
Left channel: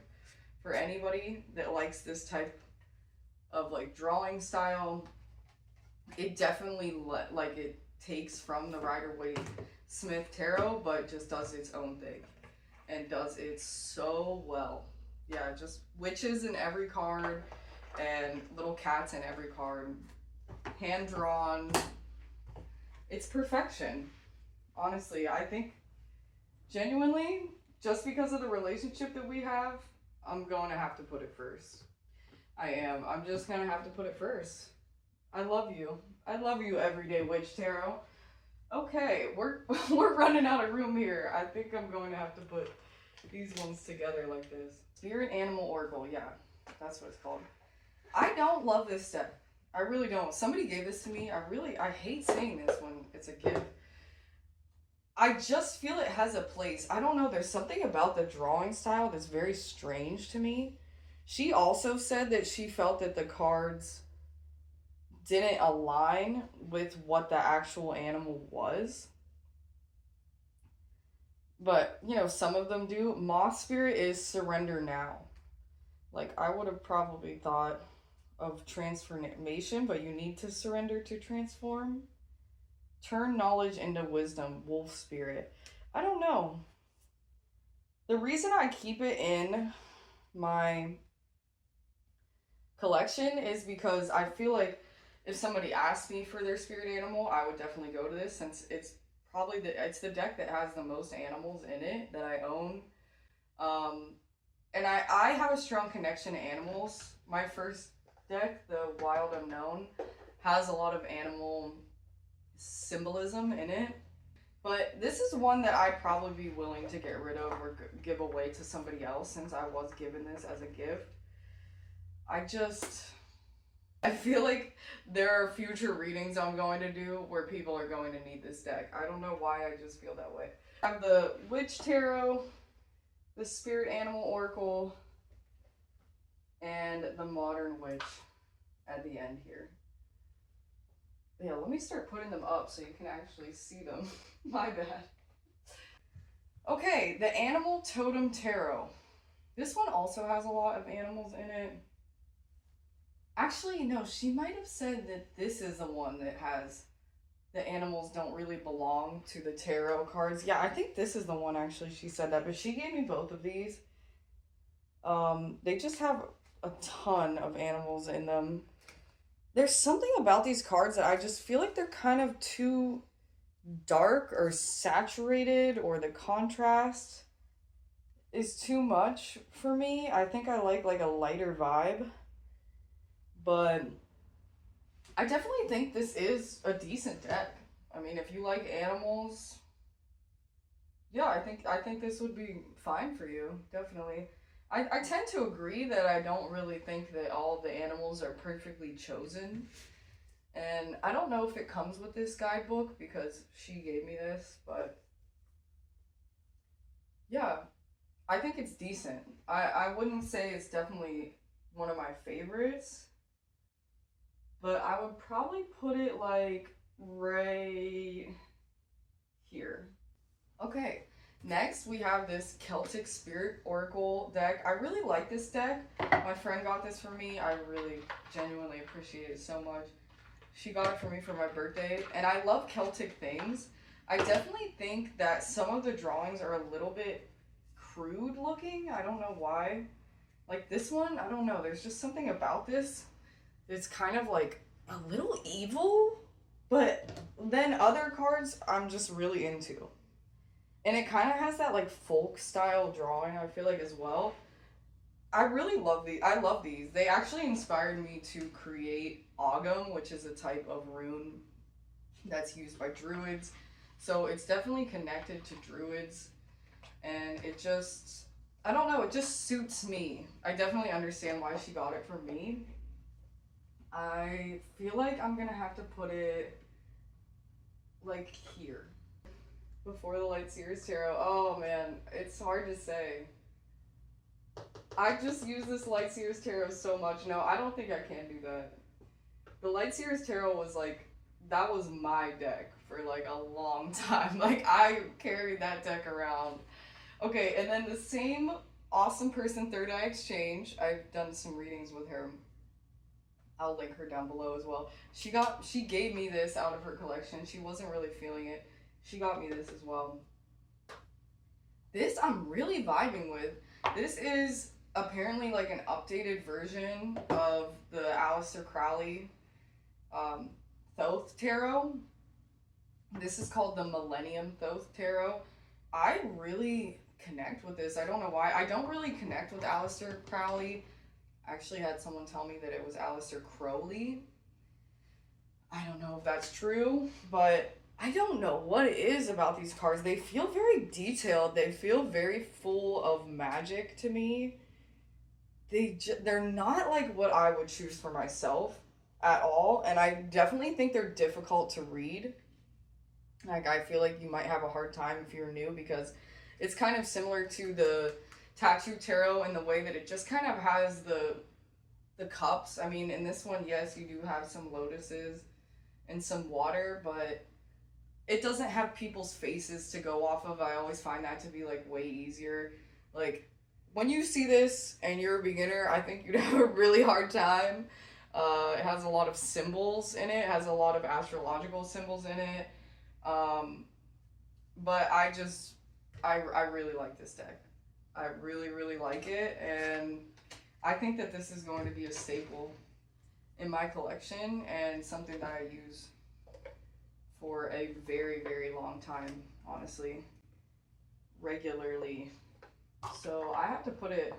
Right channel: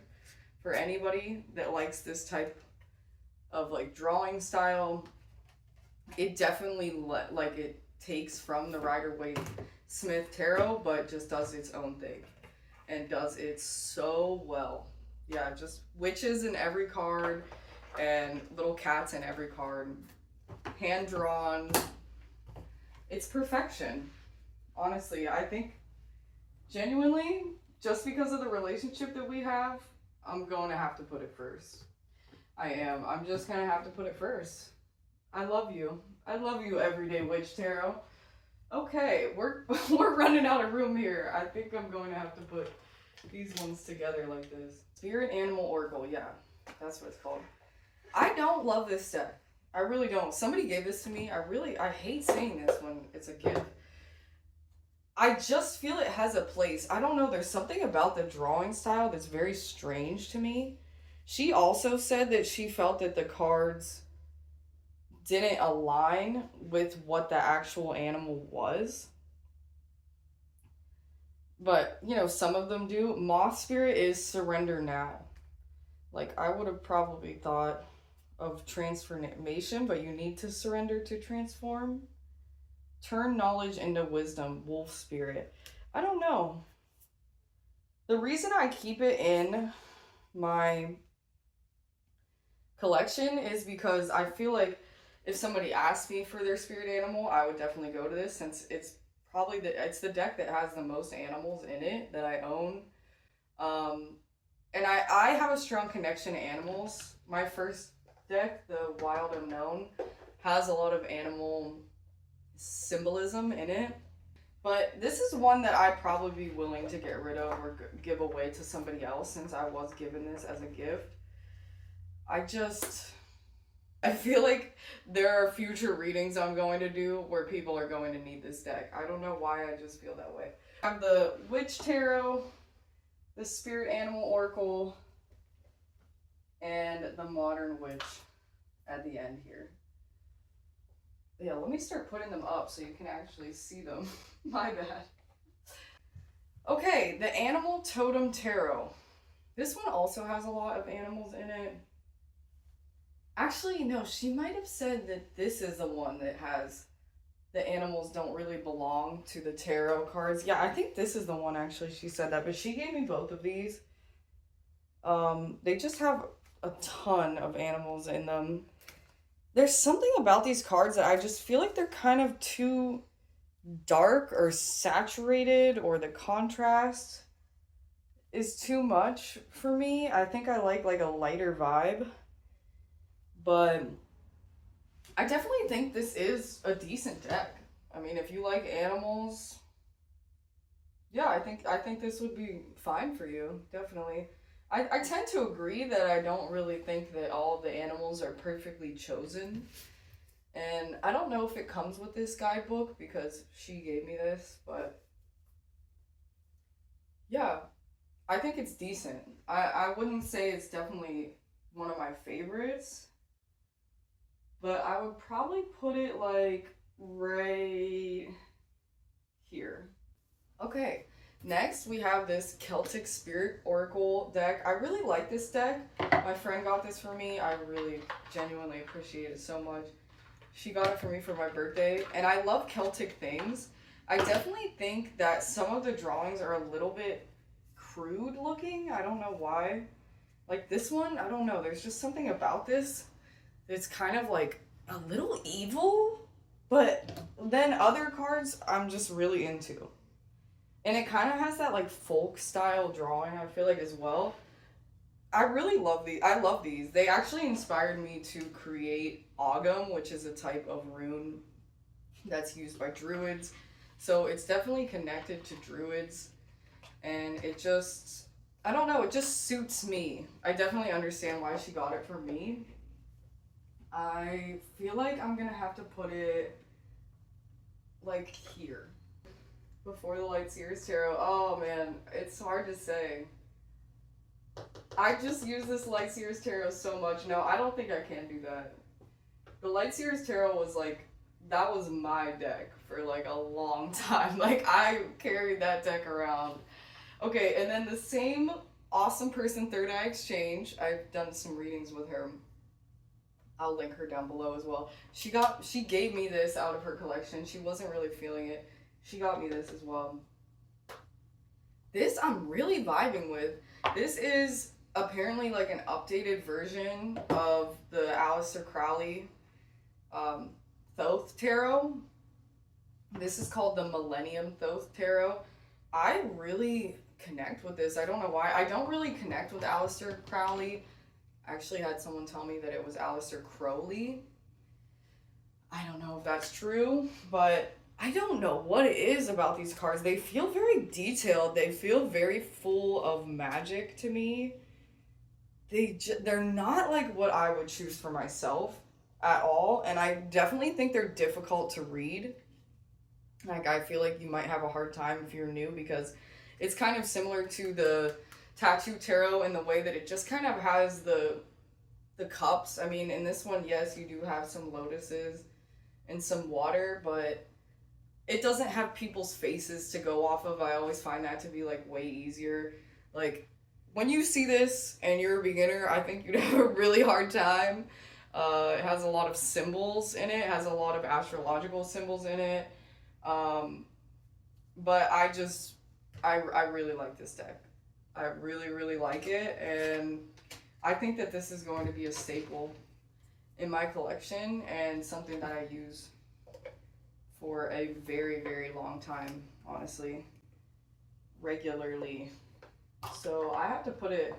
for anybody that likes this type of, like, drawing style. It definitely, like, it takes from the Rider-Waite-Smith Tarot, but just does its own thing and does it so well. Yeah, just witches in every card and little cats in every card. Hand drawn. It's perfection. Honestly, I think genuinely, just because of the relationship that we have, I'm going to have to put it first. I am. I'm just going to have to put it first. I love you. I love you, Everyday Witch Tarot. Okay, we're running out of room here. I think I'm going to have to put these ones together like this. Spirit Animal Oracle. Yeah, that's what it's called. I don't love this deck. I really don't. Somebody gave this to me. I hate saying this when it's a gift. I just feel it has a place. I don't know. There's something about the drawing style that's very strange to me. She also said that she felt that the cards didn't align with what the actual animal was. But, you know, some of them do. Moth Spirit is surrender now. Like, I would have probably thought of transformation, but you need to surrender to transform. Turn knowledge into wisdom, Wolf Spirit. I don't know. The reason I keep it in my collection is because I feel like if somebody asked me for their spirit animal, I would definitely go to this, since it's probably it's the deck that has the most animals in it that I own. And I have a strong connection to animals. My first deck, the Wild Unknown, has a lot of animal symbolism in it. But this is one that I'd probably be willing to get rid of or give away to somebody else, since I was given this as a gift. I feel like there are future readings I'm going to do where people are going to need this deck. I don't know why, I just feel that way. I have the Witch Tarot, the Spirit Animal Oracle, and the Modern Witch at the end here. Yeah, let me start putting them up so you can actually see them. My bad. Okay, the Animal Totem Tarot. This one also has a lot of animals in it. Actually, no, she might have said that this is the one that has the animals don't really belong to the tarot cards. Yeah, I think this is the one, actually. She said that, but she gave me both of these. They just have a ton of animals in them. There's something about these cards that I just feel like they're kind of too dark or saturated, or the contrast is too much for me. I think I like a lighter vibe. But I definitely think this is a decent deck. I mean, if you like animals, yeah, I think this would be fine for you, definitely. I tend to agree that I don't really think that all of the animals are perfectly chosen. And I don't know if it comes with this guidebook because she gave me this, but yeah, I think it's decent. I wouldn't say it's definitely one of my favorites, but I would probably put it like right here. Okay, Next, we have this Celtic Spirit Oracle deck. I really like this deck. My friend got this for me. I really genuinely appreciate it so much. She got it for me for my birthday, and I love Celtic things. I definitely think that some of the drawings are a little bit crude looking. I don't know why. Like this one, I don't know. There's just something about this that's kind of like a little evil, but then other cards I'm just really into. And it kind of has that like folk style drawing, I feel like, as well. I really love these. I love these. They actually inspired me to create Ogam, which is a type of rune that's used by druids. So it's definitely connected to druids. And it just, I don't know, it just suits me. I definitely understand why she got it for me. I feel like I'm going to have to put it like here. Before the Lightworker Tarot. Oh man, it's hard to say. I just use this Lightworker Tarot so much. No, I don't think I can do that. The Lightworker Tarot was like, that was my deck for like a long time. Like I carried that deck around. Okay, and then the same awesome person, Third Eye Exchange. I've done some readings with her. I'll link her down below as well. She gave me this out of her collection. She wasn't really feeling it. She got me this as well. This I'm really vibing with. This is apparently like an updated version of the Aleister Crowley Thoth Tarot. This is called the Millennium Thoth Tarot. I really connect with this. I don't know why. I don't really connect with Aleister Crowley. I actually had someone tell me that it was Aleister Crowley. I don't know if that's true, but I don't know what it is about these cards. They feel very detailed. They feel very full of magic to me. They're not like what I would choose for myself at all. And I definitely think they're difficult to read. Like, I feel like you might have a hard time if you're new because it's kind of similar to the Tattoo Tarot in the way that it just kind of has the cups. I mean, in this one, yes, you do have some lotuses and some water, but it doesn't have people's faces to go off of. I always find that to be like way easier. Like when you see this and you're a beginner, I think you'd have a really hard time. It has a lot of symbols in it. It has a lot of astrological symbols in it. But I really like this deck. I really, really like it. And I think that this is going to be a staple in my collection and something that I use for a very, very long time, honestly, regularly. So I have to put it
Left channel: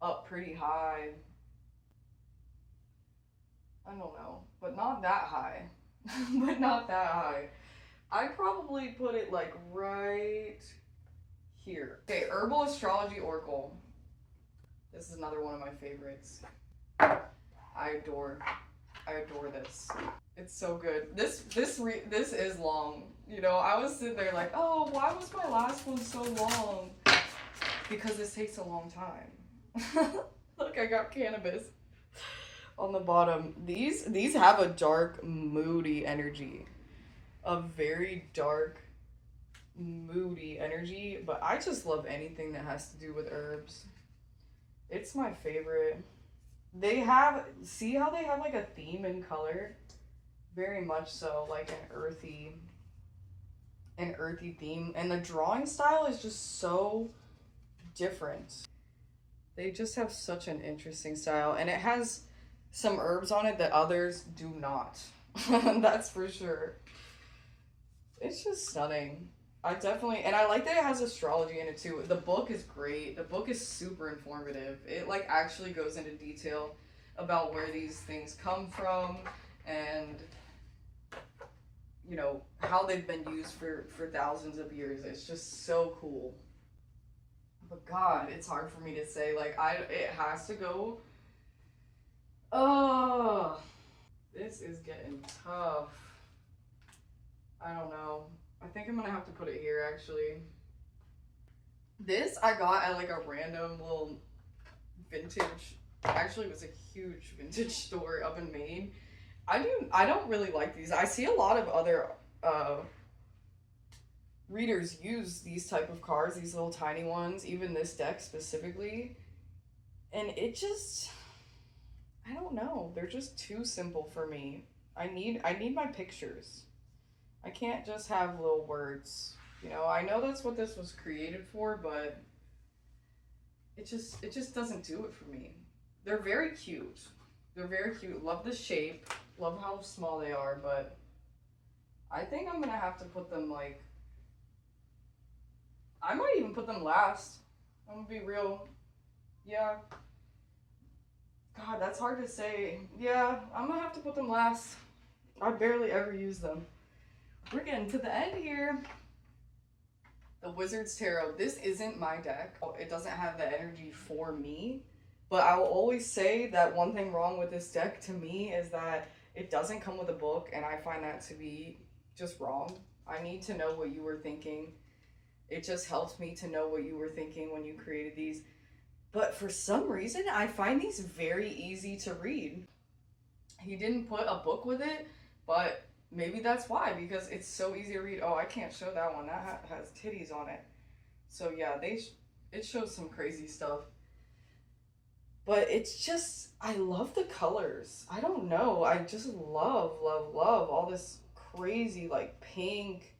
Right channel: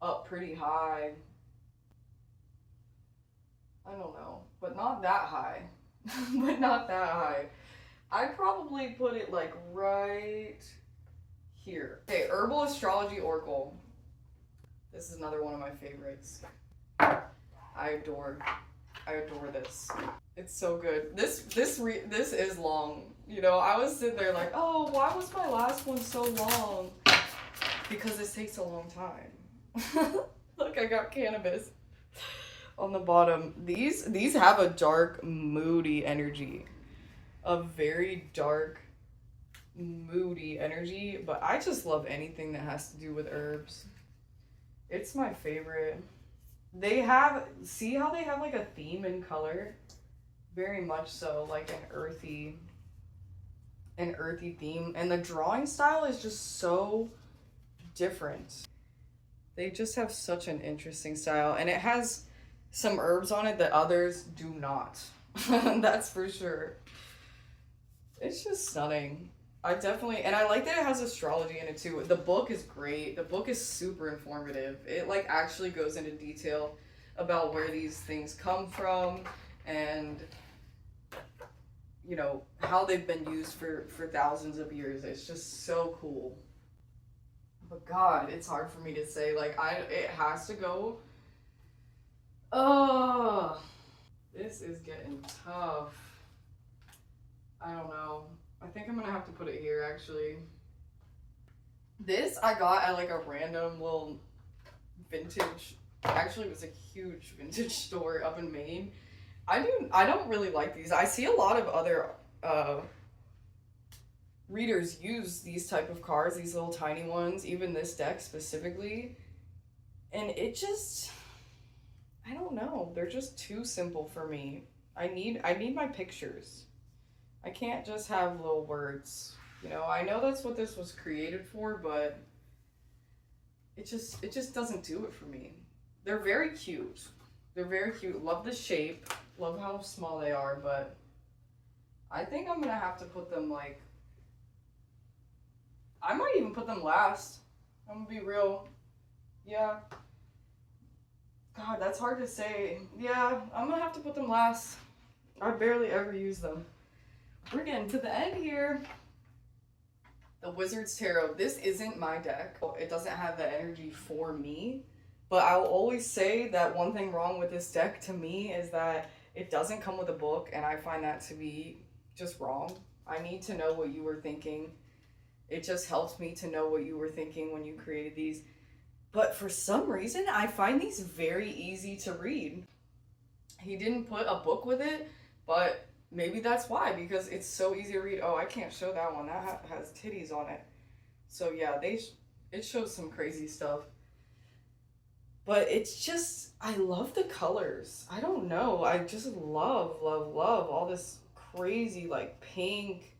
up pretty high. I don't know, but not that high. But not that high. I'd probably put it like right here. Okay, Herbal Astrology Oracle. This is another one of my favorites. I adore this. It's so good. This is long. You know, I was sitting there like, oh, why was my last one so long? Because this takes a long time. Look, I got cannabis on the bottom. These have a dark, moody energy. A very dark, moody energy. But I just love anything that has to do with herbs. It's my favorite. See how they have like a theme in color? Very much so, like an earthy theme. And the drawing style is just so different. They just have such an interesting style. And it has some herbs on it that others do not. That's for sure. It's just stunning. And I like that it has astrology in it too. The book is great. The book is super informative. It like actually goes into detail about where these things come from and, you know, how they've been used for thousands of years. It's just so cool. But God, it's hard for me to say. Like, it has to go. Oh, this is getting tough. I don't know. I think I'm gonna have to put it here, actually. This I got at like a random little vintage, actually it was a huge vintage store up in Maine. I don't really like these. I see a lot of other readers use these type of cards, these little tiny ones, even this deck specifically, and it just, I don't know, they're just too simple for me. I need my pictures. I can't just have little words. You know, I know that's what this was created for, but it just doesn't do it for me. They're very cute. They're very cute. Love the shape. Love how small they are, but I think I'm gonna have to put them like, I might even put them last. I'm gonna be real. Yeah. God, that's hard to say. Yeah, I'm gonna have to put them last. I barely ever use them. We're getting to the end here. The Wizard's Tarot. This isn't my deck. It doesn't have the energy for me. But I'll always say that one thing wrong with this deck to me is that it doesn't come with a book, and I find that to be just wrong. I need to know what you were thinking. It just helps me to know what you were thinking when you created these. But for some reason, I find these very easy to read. He didn't put a book with it, but maybe that's why, because it's so easy to read. Oh, I can't show that one. That has titties on it. So yeah, it shows some crazy stuff. But it's just, I love the colors. I don't know. I just love, love, love all this crazy like pink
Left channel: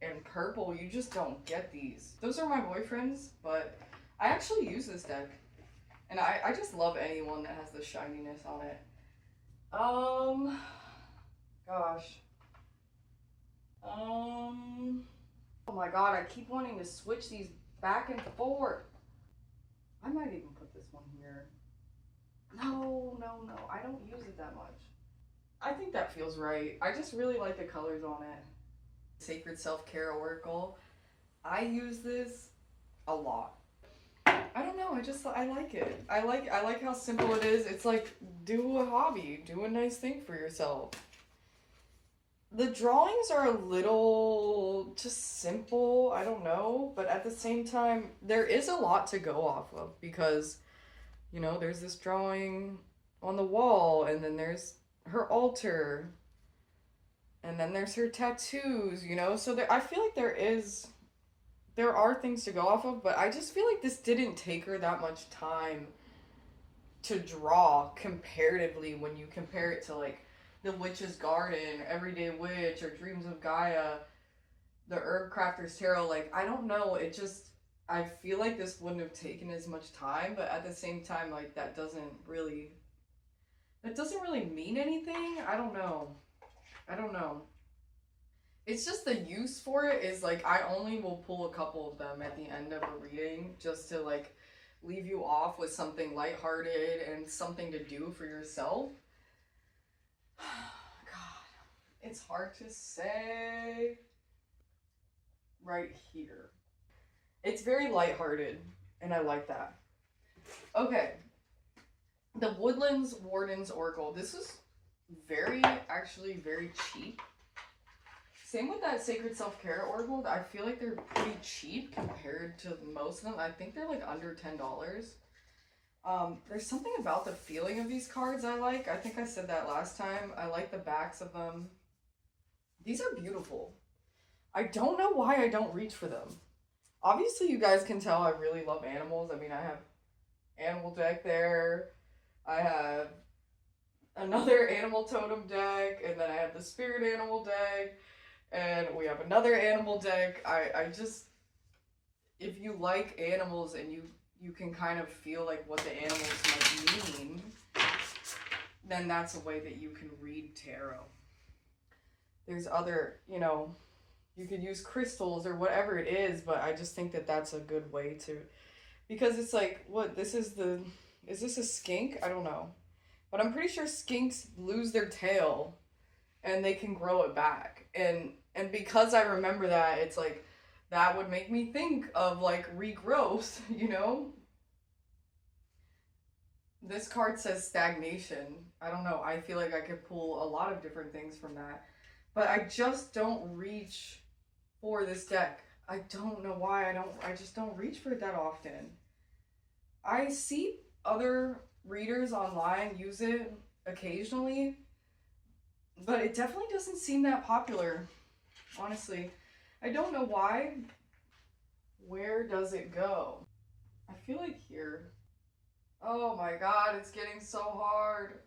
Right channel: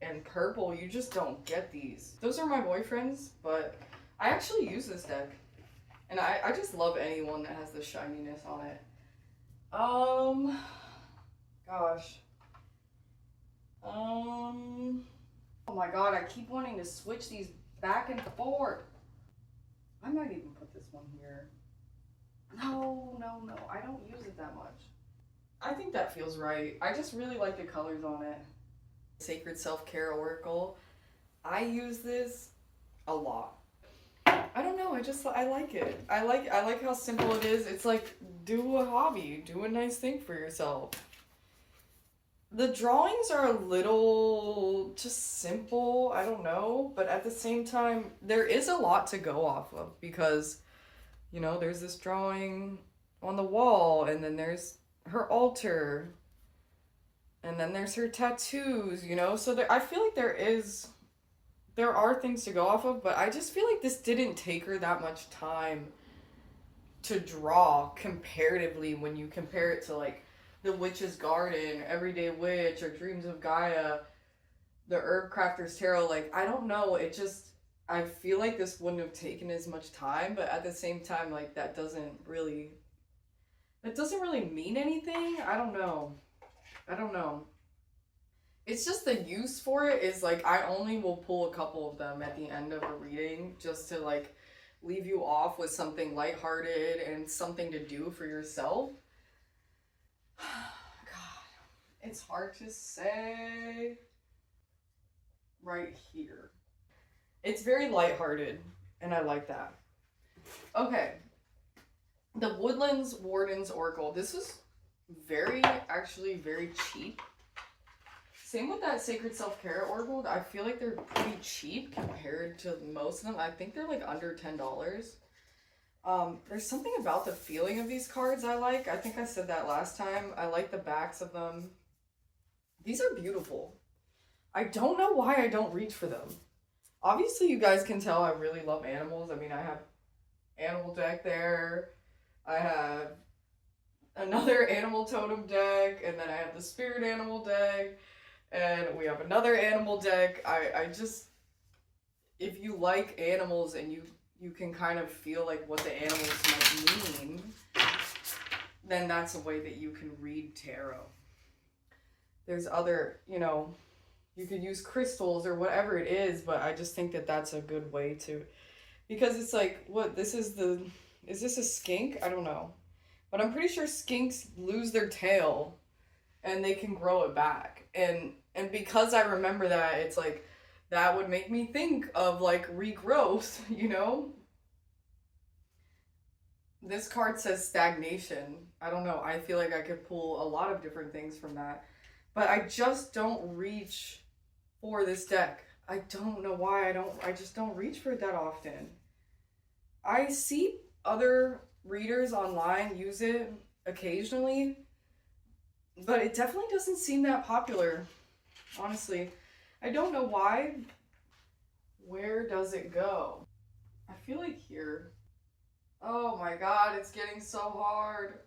and purple. You just don't get these. Those are my boyfriend's, but I actually use this deck. And I just love anyone that has the shininess on it. Gosh. Oh my god, I keep wanting to switch these back and forth. I might even put this one here. No, I don't use it that much. I think that feels right. I just really like the colors on it. Sacred Self-Care Oracle. I use this a lot. I don't know, I like it. I like how simple it is. It's like, do a hobby, do a nice thing for yourself. The drawings are a little just simple, I don't know, but at the same time, there is a lot to go off of because, you know, there's this drawing on the wall, and then there's her altar, and then there's her tattoos, you know, so I feel like there are things to go off of, but I just feel like this didn't take her that much time to draw comparatively when you compare it to like The Witch's Garden, Everyday Witch, or Dreams of Gaia, the Herbcrafters Tarot. Like, I don't know, I feel like this wouldn't have taken as much time, but at the same time, like, that doesn't really mean anything. I don't know. It's just the use for it is like, I only will pull a couple of them at the end of a reading just to like leave you off with something lighthearted and something to do for yourself. God, it's hard to say. Right here. It's very lighthearted, and I like that. Okay. The Woodlands Wardens Oracle. This is actually very cheap. Same with that Sacred Self-Care Oracle. I feel like they're pretty cheap compared to most of them. I think they're like under $10. There's something about the feeling of these cards I like. I think I said that last time. I like the backs of them. These are beautiful. I don't know why I don't reach for them. Obviously, you guys can tell I really love animals. I mean, I have animal deck there. I have another animal totem deck, and then I have the spirit animal deck, and we have another animal deck. I just, if you like animals and you can kind of feel like what the animals might mean, then that's a way that you can read tarot. There's other, you know, you could use crystals or whatever it is, but I just think that that's a good way to, because it's like, what, is this a skink? I don't know. But I'm pretty sure skinks lose their tail and they can grow it back. And because I remember that, it's like, that would make me think of like regrowth, you know? This card says stagnation. I don't know. I feel like I could pull a lot of different things from that. But I just don't reach for this deck. I don't know why I just don't reach for it that often. I see other readers online use it occasionally, but it definitely doesn't seem that popular, honestly. I don't know why. Where does it go? I feel like here. Oh my god, it's getting so hard.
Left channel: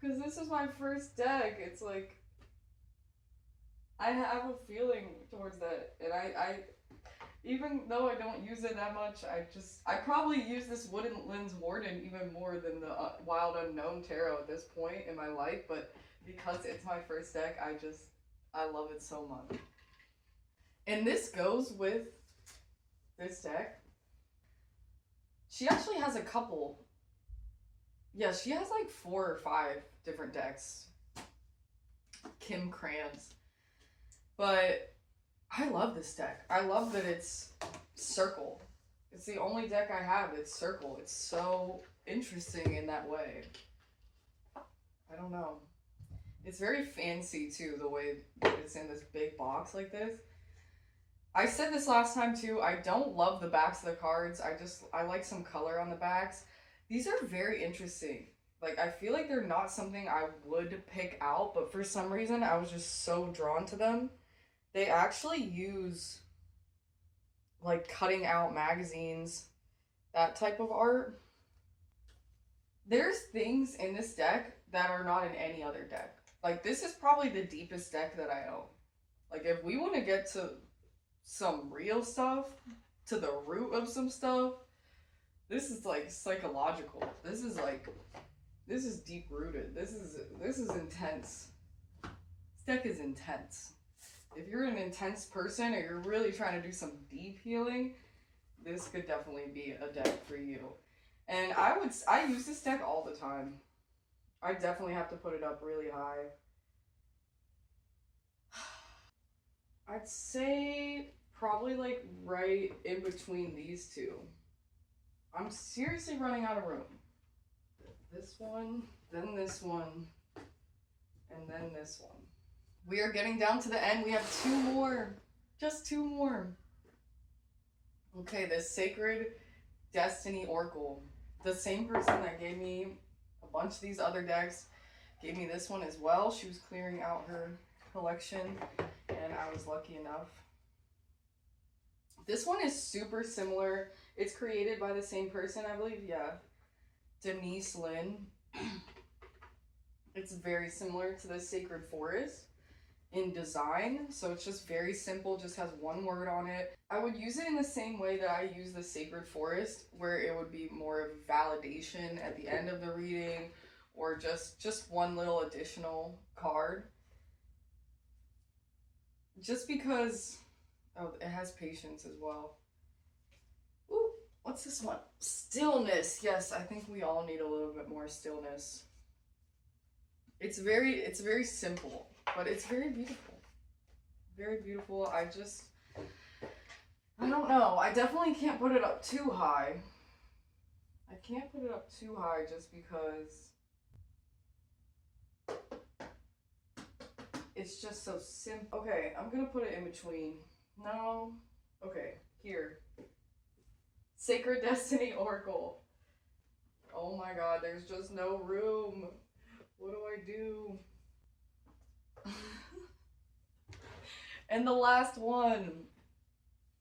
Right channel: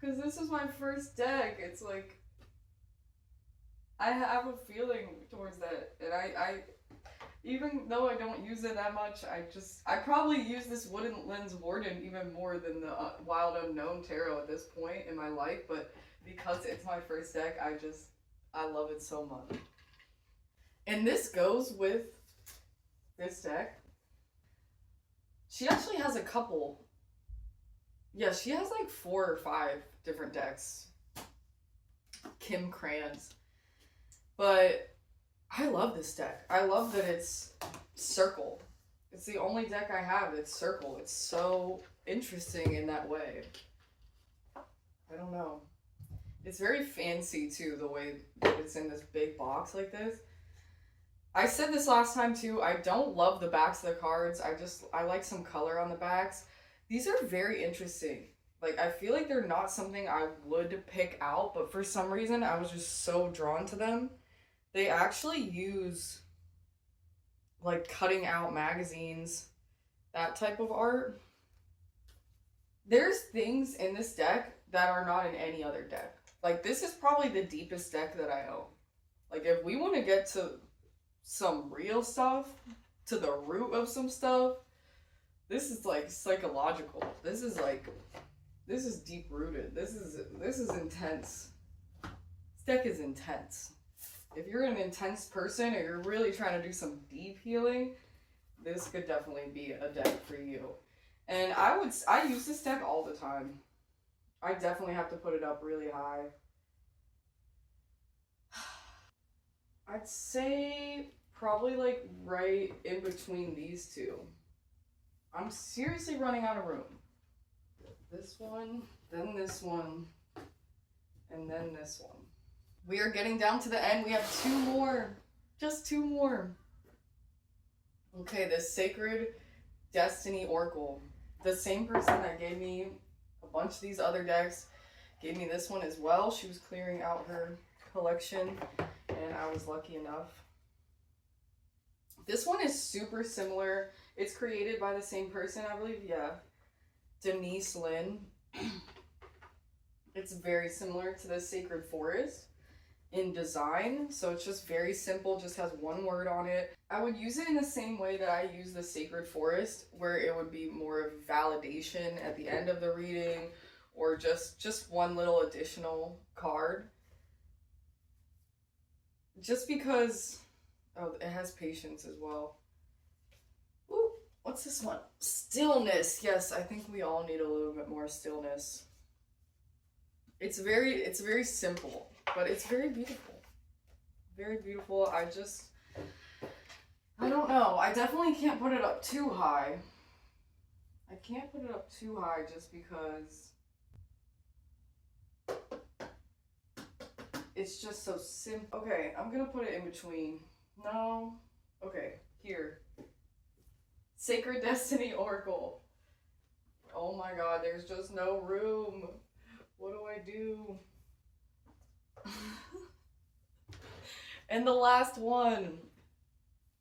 Because this is my first deck. It's like, I have a feeling towards that. And I even though I don't use it that much, I probably use this Woodland's Warden even more than the Wild Unknown Tarot at this point in my life. But because it's my first deck, I love it so much. And this goes with this deck. She actually has a couple. Yeah, she has like 4 or 5 different decks. Kim Crans. But I love this deck. I love that it's circle. It's the only deck I have that's circle. It's so interesting in that way. I don't know. It's very fancy too, the way that it's in this big box like this. I said this last time too, I don't love the backs of the cards. I like some color on the backs. These are very interesting. Like, I feel like they're not something I would pick out, but for some reason I was just so drawn to them. They actually use like cutting out magazines, that type of art. There's things in this deck that are not in any other deck. Like, this is probably the deepest deck that I own. Like, if we want to get to some real stuff, to the root of some stuff, this is like psychological. This is deep rooted. This is intense. This deck is intense. If you're an intense person or you're really trying to do some deep healing, this could definitely be a deck for you. And I use this deck all the time. I definitely have to put it up really high. I'd say probably like right in between these two. I'm seriously running out of room. This one, then this one, and then this one. We are getting down to the end. We have 2 more. Just 2 more. Okay, the Sacred Destiny Oracle. The same person that gave me a bunch of these other decks gave me this one as well. She was clearing out her collection, and I was lucky enough. This one is super similar. It's created by the same person, I believe. Yeah. Denise Lynn. It's very similar to the Sacred Forest in design. So it's just very simple, just has 1 word on it. I would use it in the same way that I use the Sacred Forest, where it would be more of validation at the end of the reading, or just 1 little additional card. Just because, oh, it has patience as well. Ooh, what's this one? Stillness. Yes, I think we all need a little bit more stillness. It's very simple, but it's very beautiful. Very beautiful. I don't know. I definitely can't put it up too high. I can't put it up too high just because it's just so simple. Okay, I'm gonna put it in between. No. Okay, here. Sacred Destiny Oracle. Oh my god, there's just no room. What do I do? And the last one,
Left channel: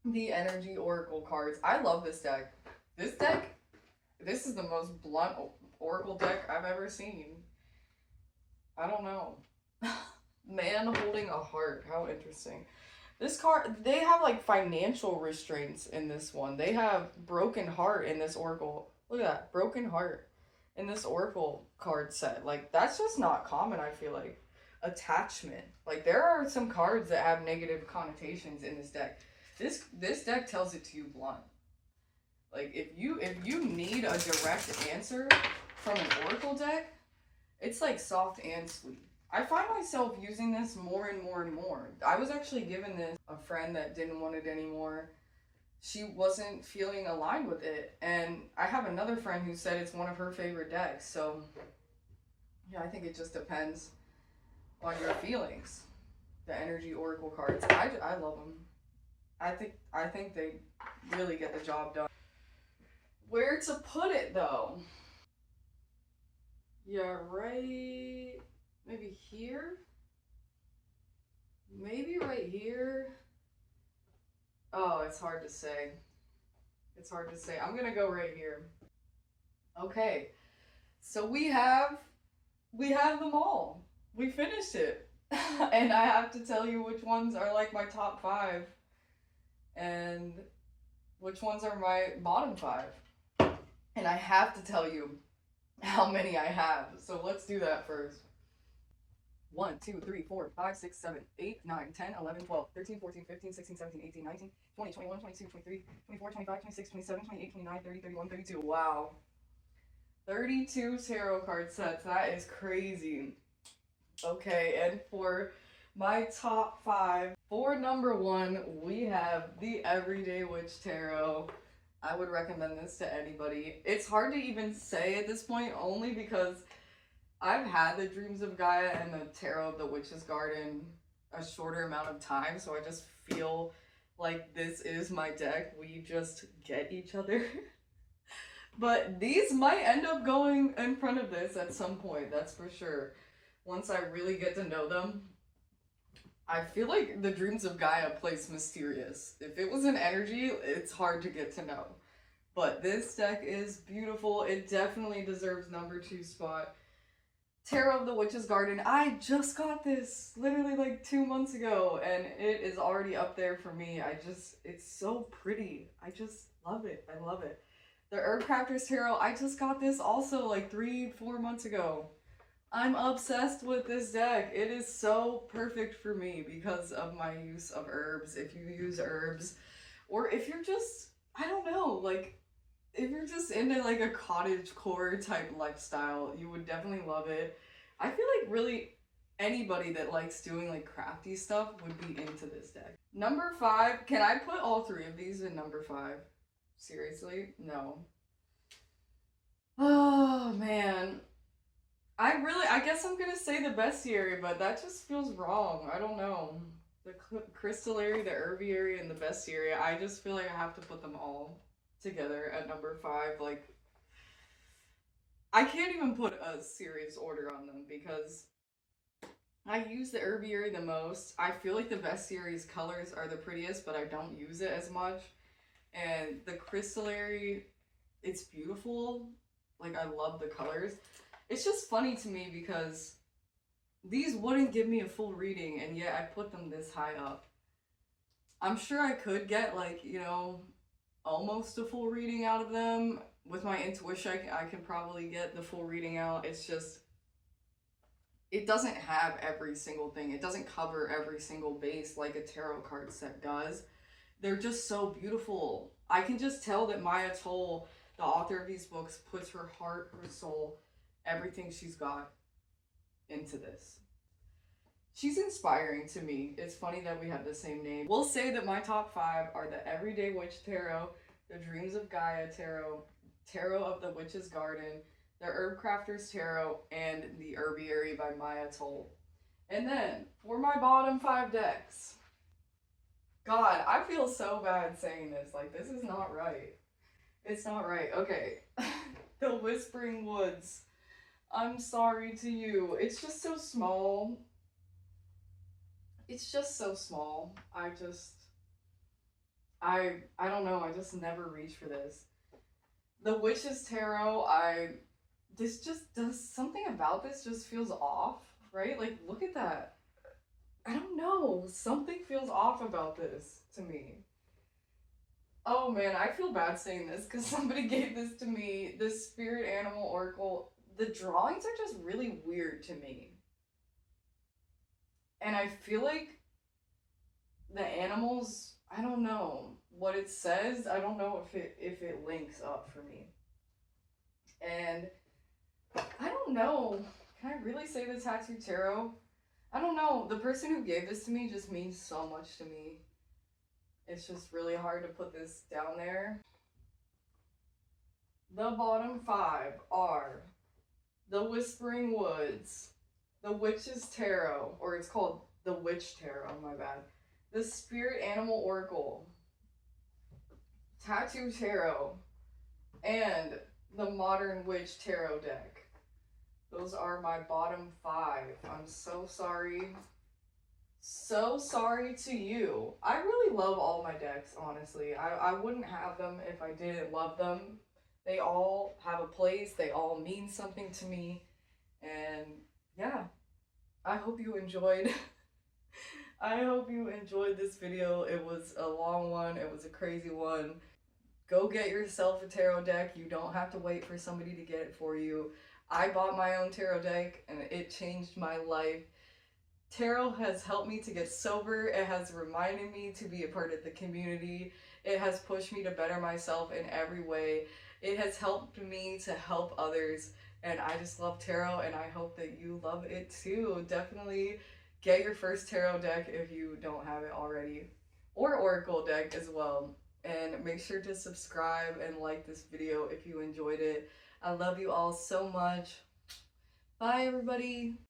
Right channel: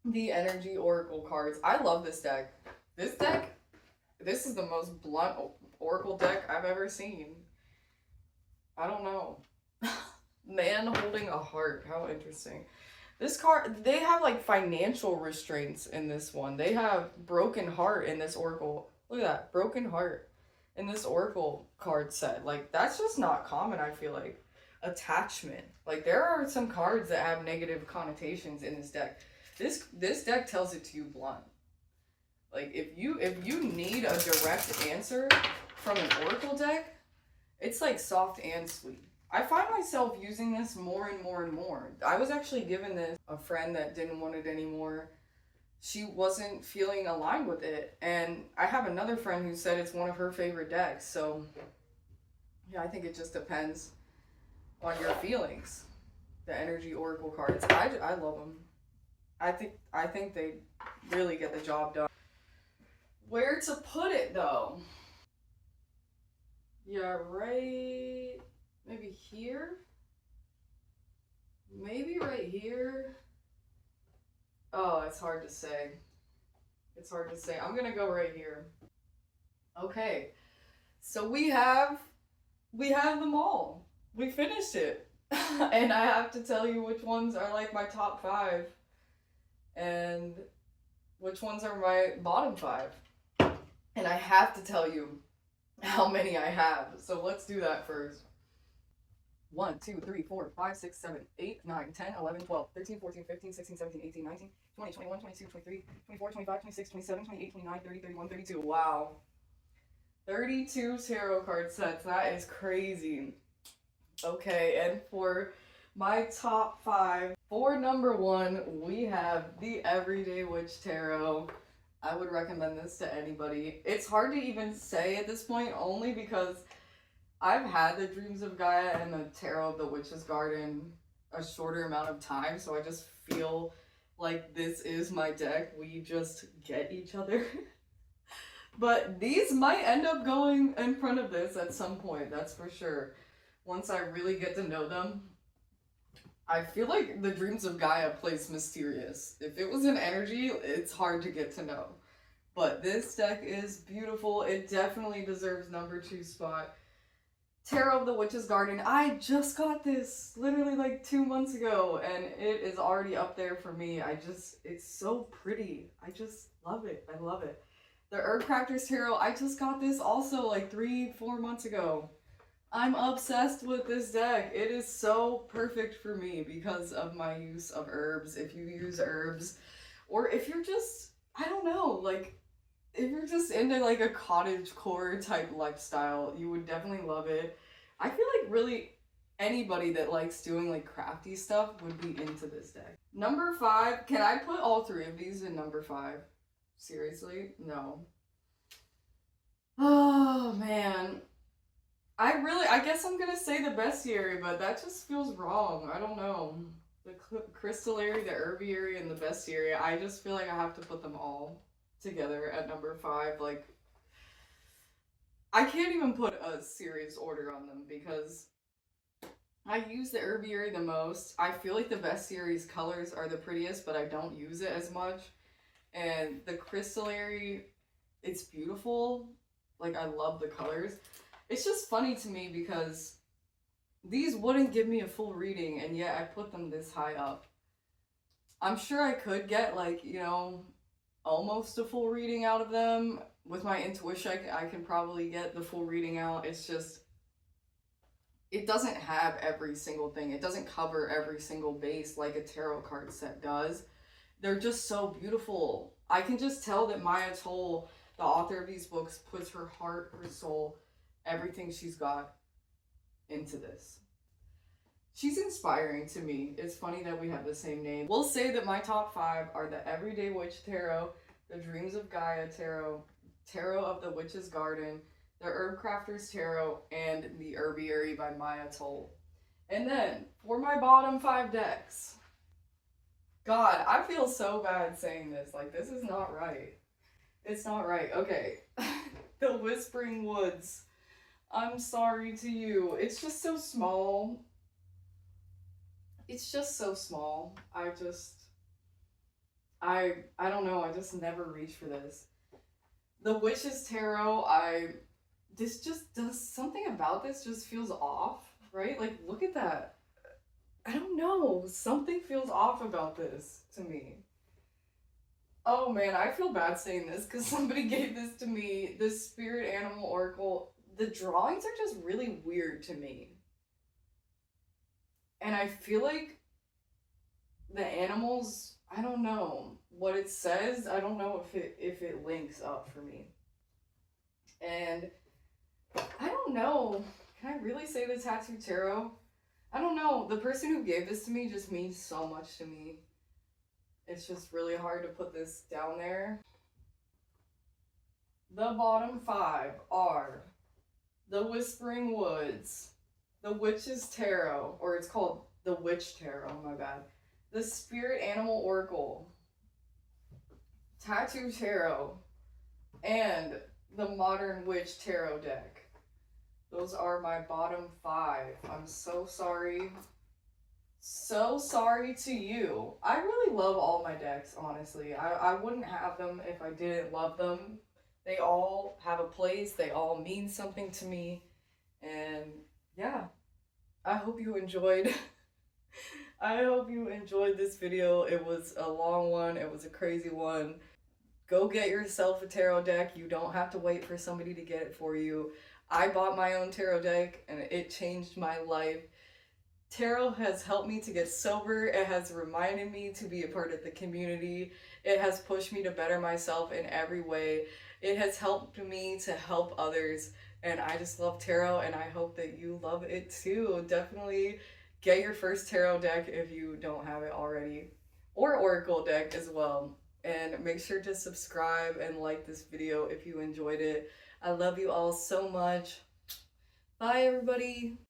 the Energy Oracle cards. I love this deck. This is the most blunt Oracle deck I've ever seen. I don't know. Man holding a heart. How interesting. This card, they have like financial restraints in this one. They have broken heart in this Oracle. Look at that, broken heart in this Oracle card set. Like, that's just not common, I feel like. Attachment. Like, there are some cards that have negative connotations in this deck. This deck tells it to you blunt. Like, if you need a direct answer from an Oracle deck, it's like soft and sweet. I find myself using this more and more and more. I was actually given this a friend that didn't want it anymore. She wasn't feeling aligned with it. And I have another friend who said it's one of her favorite decks. So, yeah, I think it just depends on your feelings. The Energy Oracle cards. I love them. I think they really get the job done. Where to put it, though? Yeah, right Maybe here? Maybe right here? Oh, it's hard to say. It's hard to say. I'm gonna go right here. Okay, so we have them all. We finished it. And I have to tell you which ones are like my top 5 and which ones are my bottom 5. And I have to tell you how many I have. So let's do that first. 1, 2, 3, 4, 5, 6, 7, 8, 9, 10, 11, 12, 13, 14, 15, 16, 17, 18, 19, 20, 21, 22, 23, 24, 25, 26, 27, 28, 29, 30, 31, 32. Wow. 32 tarot card sets. That is crazy. Okay, and for my top 5, for number 1, we have the Everyday Witch Tarot. I would recommend this to anybody. It's hard to even say at this point, only because I've had the Dreams of Gaia and the Tarot of the Witch's Garden a shorter amount of time, so I just feel like this is my deck. We just get each other. But these might end up going in front of this at some point, that's for sure. Once I really get to know them. I feel like the Dreams of Gaia plays mysterious. If it was an energy, it's hard to get to know. But this deck is beautiful. It definitely deserves number 2 spot. Tarot of the Witch's Garden. I just got this literally like 2 months ago, and it is already up there for me. It's so pretty. I just love it. I love it. The Herbcrafters Tarot. I just got this also like 3-4 months ago. I'm obsessed with this deck. It is so perfect for me because of my use of herbs. If you use herbs, or if you're just, I don't know, like, if you're just into like a cottagecore type lifestyle, you would definitely love it. I feel like really anybody that likes doing like crafty stuff would be into this deck. Number 5, can I put all 3 of these in number 5? Seriously? No. Oh man. I guess I'm gonna say the Bestiary, but that just feels wrong. I don't know. The Crystallary, the Herbiary, and the Bestiary, I just feel like I have to put them all together at number 5. Like, I can't even put a serious order on them because I use the Herbiary the most. I feel like the Bestiary's colors are the prettiest, but I don't use it as much. And the Crystallary, it's beautiful. Like, I love the colors. It's just funny to me because these wouldn't give me a full reading, and yet I put them this high up. I'm sure I could get, like, you know, almost a full reading out of them. With my intuition, I can probably get the full reading out. It's just, it doesn't have every single thing. It doesn't cover every single base like a tarot card set does. They're just so beautiful. I can just tell that Maia, the author of these books, puts her heart, her soul, everything she's got into this. She's inspiring to me. It's funny that we have the same name. We'll say that my top 5 are the Everyday Witch Tarot, the Dreams of Gaia Tarot, Tarot of the Witch's Garden, the Herbcrafters Tarot, and the Herbiary by Maia. And then, for my bottom 5 decks, God, I feel so bad saying this. Like, this is not right. It's not right. Okay. The Whispering Woods. I'm sorry to you. It's just so small. It's just so small. I don't know. I just never reach for this. The Witch's Tarot, this just does something about this just feels off, right? Like, look at that. I don't know. Something feels off about this to me. Oh man, I feel bad saying this because somebody gave this to me. The Spirit Animal Oracle. The drawings are just really weird to me. And I feel like the animals, I don't know what it says. I don't know if it links up for me. And I don't know. Can I really say the Tattoo Tarot? I don't know. The person who gave this to me just means so much to me. It's just really hard to put this down there. The bottom 5 are the Whispering Woods, the Witch's Tarot, or it's called the Witch Tarot, my bad. The Spirit Animal Oracle, Tattoo Tarot, and the Modern Witch Tarot deck. Those are my bottom 5. I'm so sorry. So sorry to you. I really love all my decks, honestly. I wouldn't have them if I didn't love them. They all have a place. They all mean something to me. And yeah, I hope you enjoyed. I hope you enjoyed this video. It was a long one. It was a crazy one. Go get yourself a tarot deck. You don't have to wait for somebody to get it for you. I bought my own tarot deck and it changed my life. Tarot has helped me to get sober. It has reminded me to be a part of the community. It has pushed me to better myself in every way. It has helped me to help others. And I just love tarot, and I hope that you love it too. Definitely get your first tarot deck if you don't have it already, or oracle deck as well. And make sure to subscribe and like this video if you enjoyed it. I love you all so much. Bye, everybody.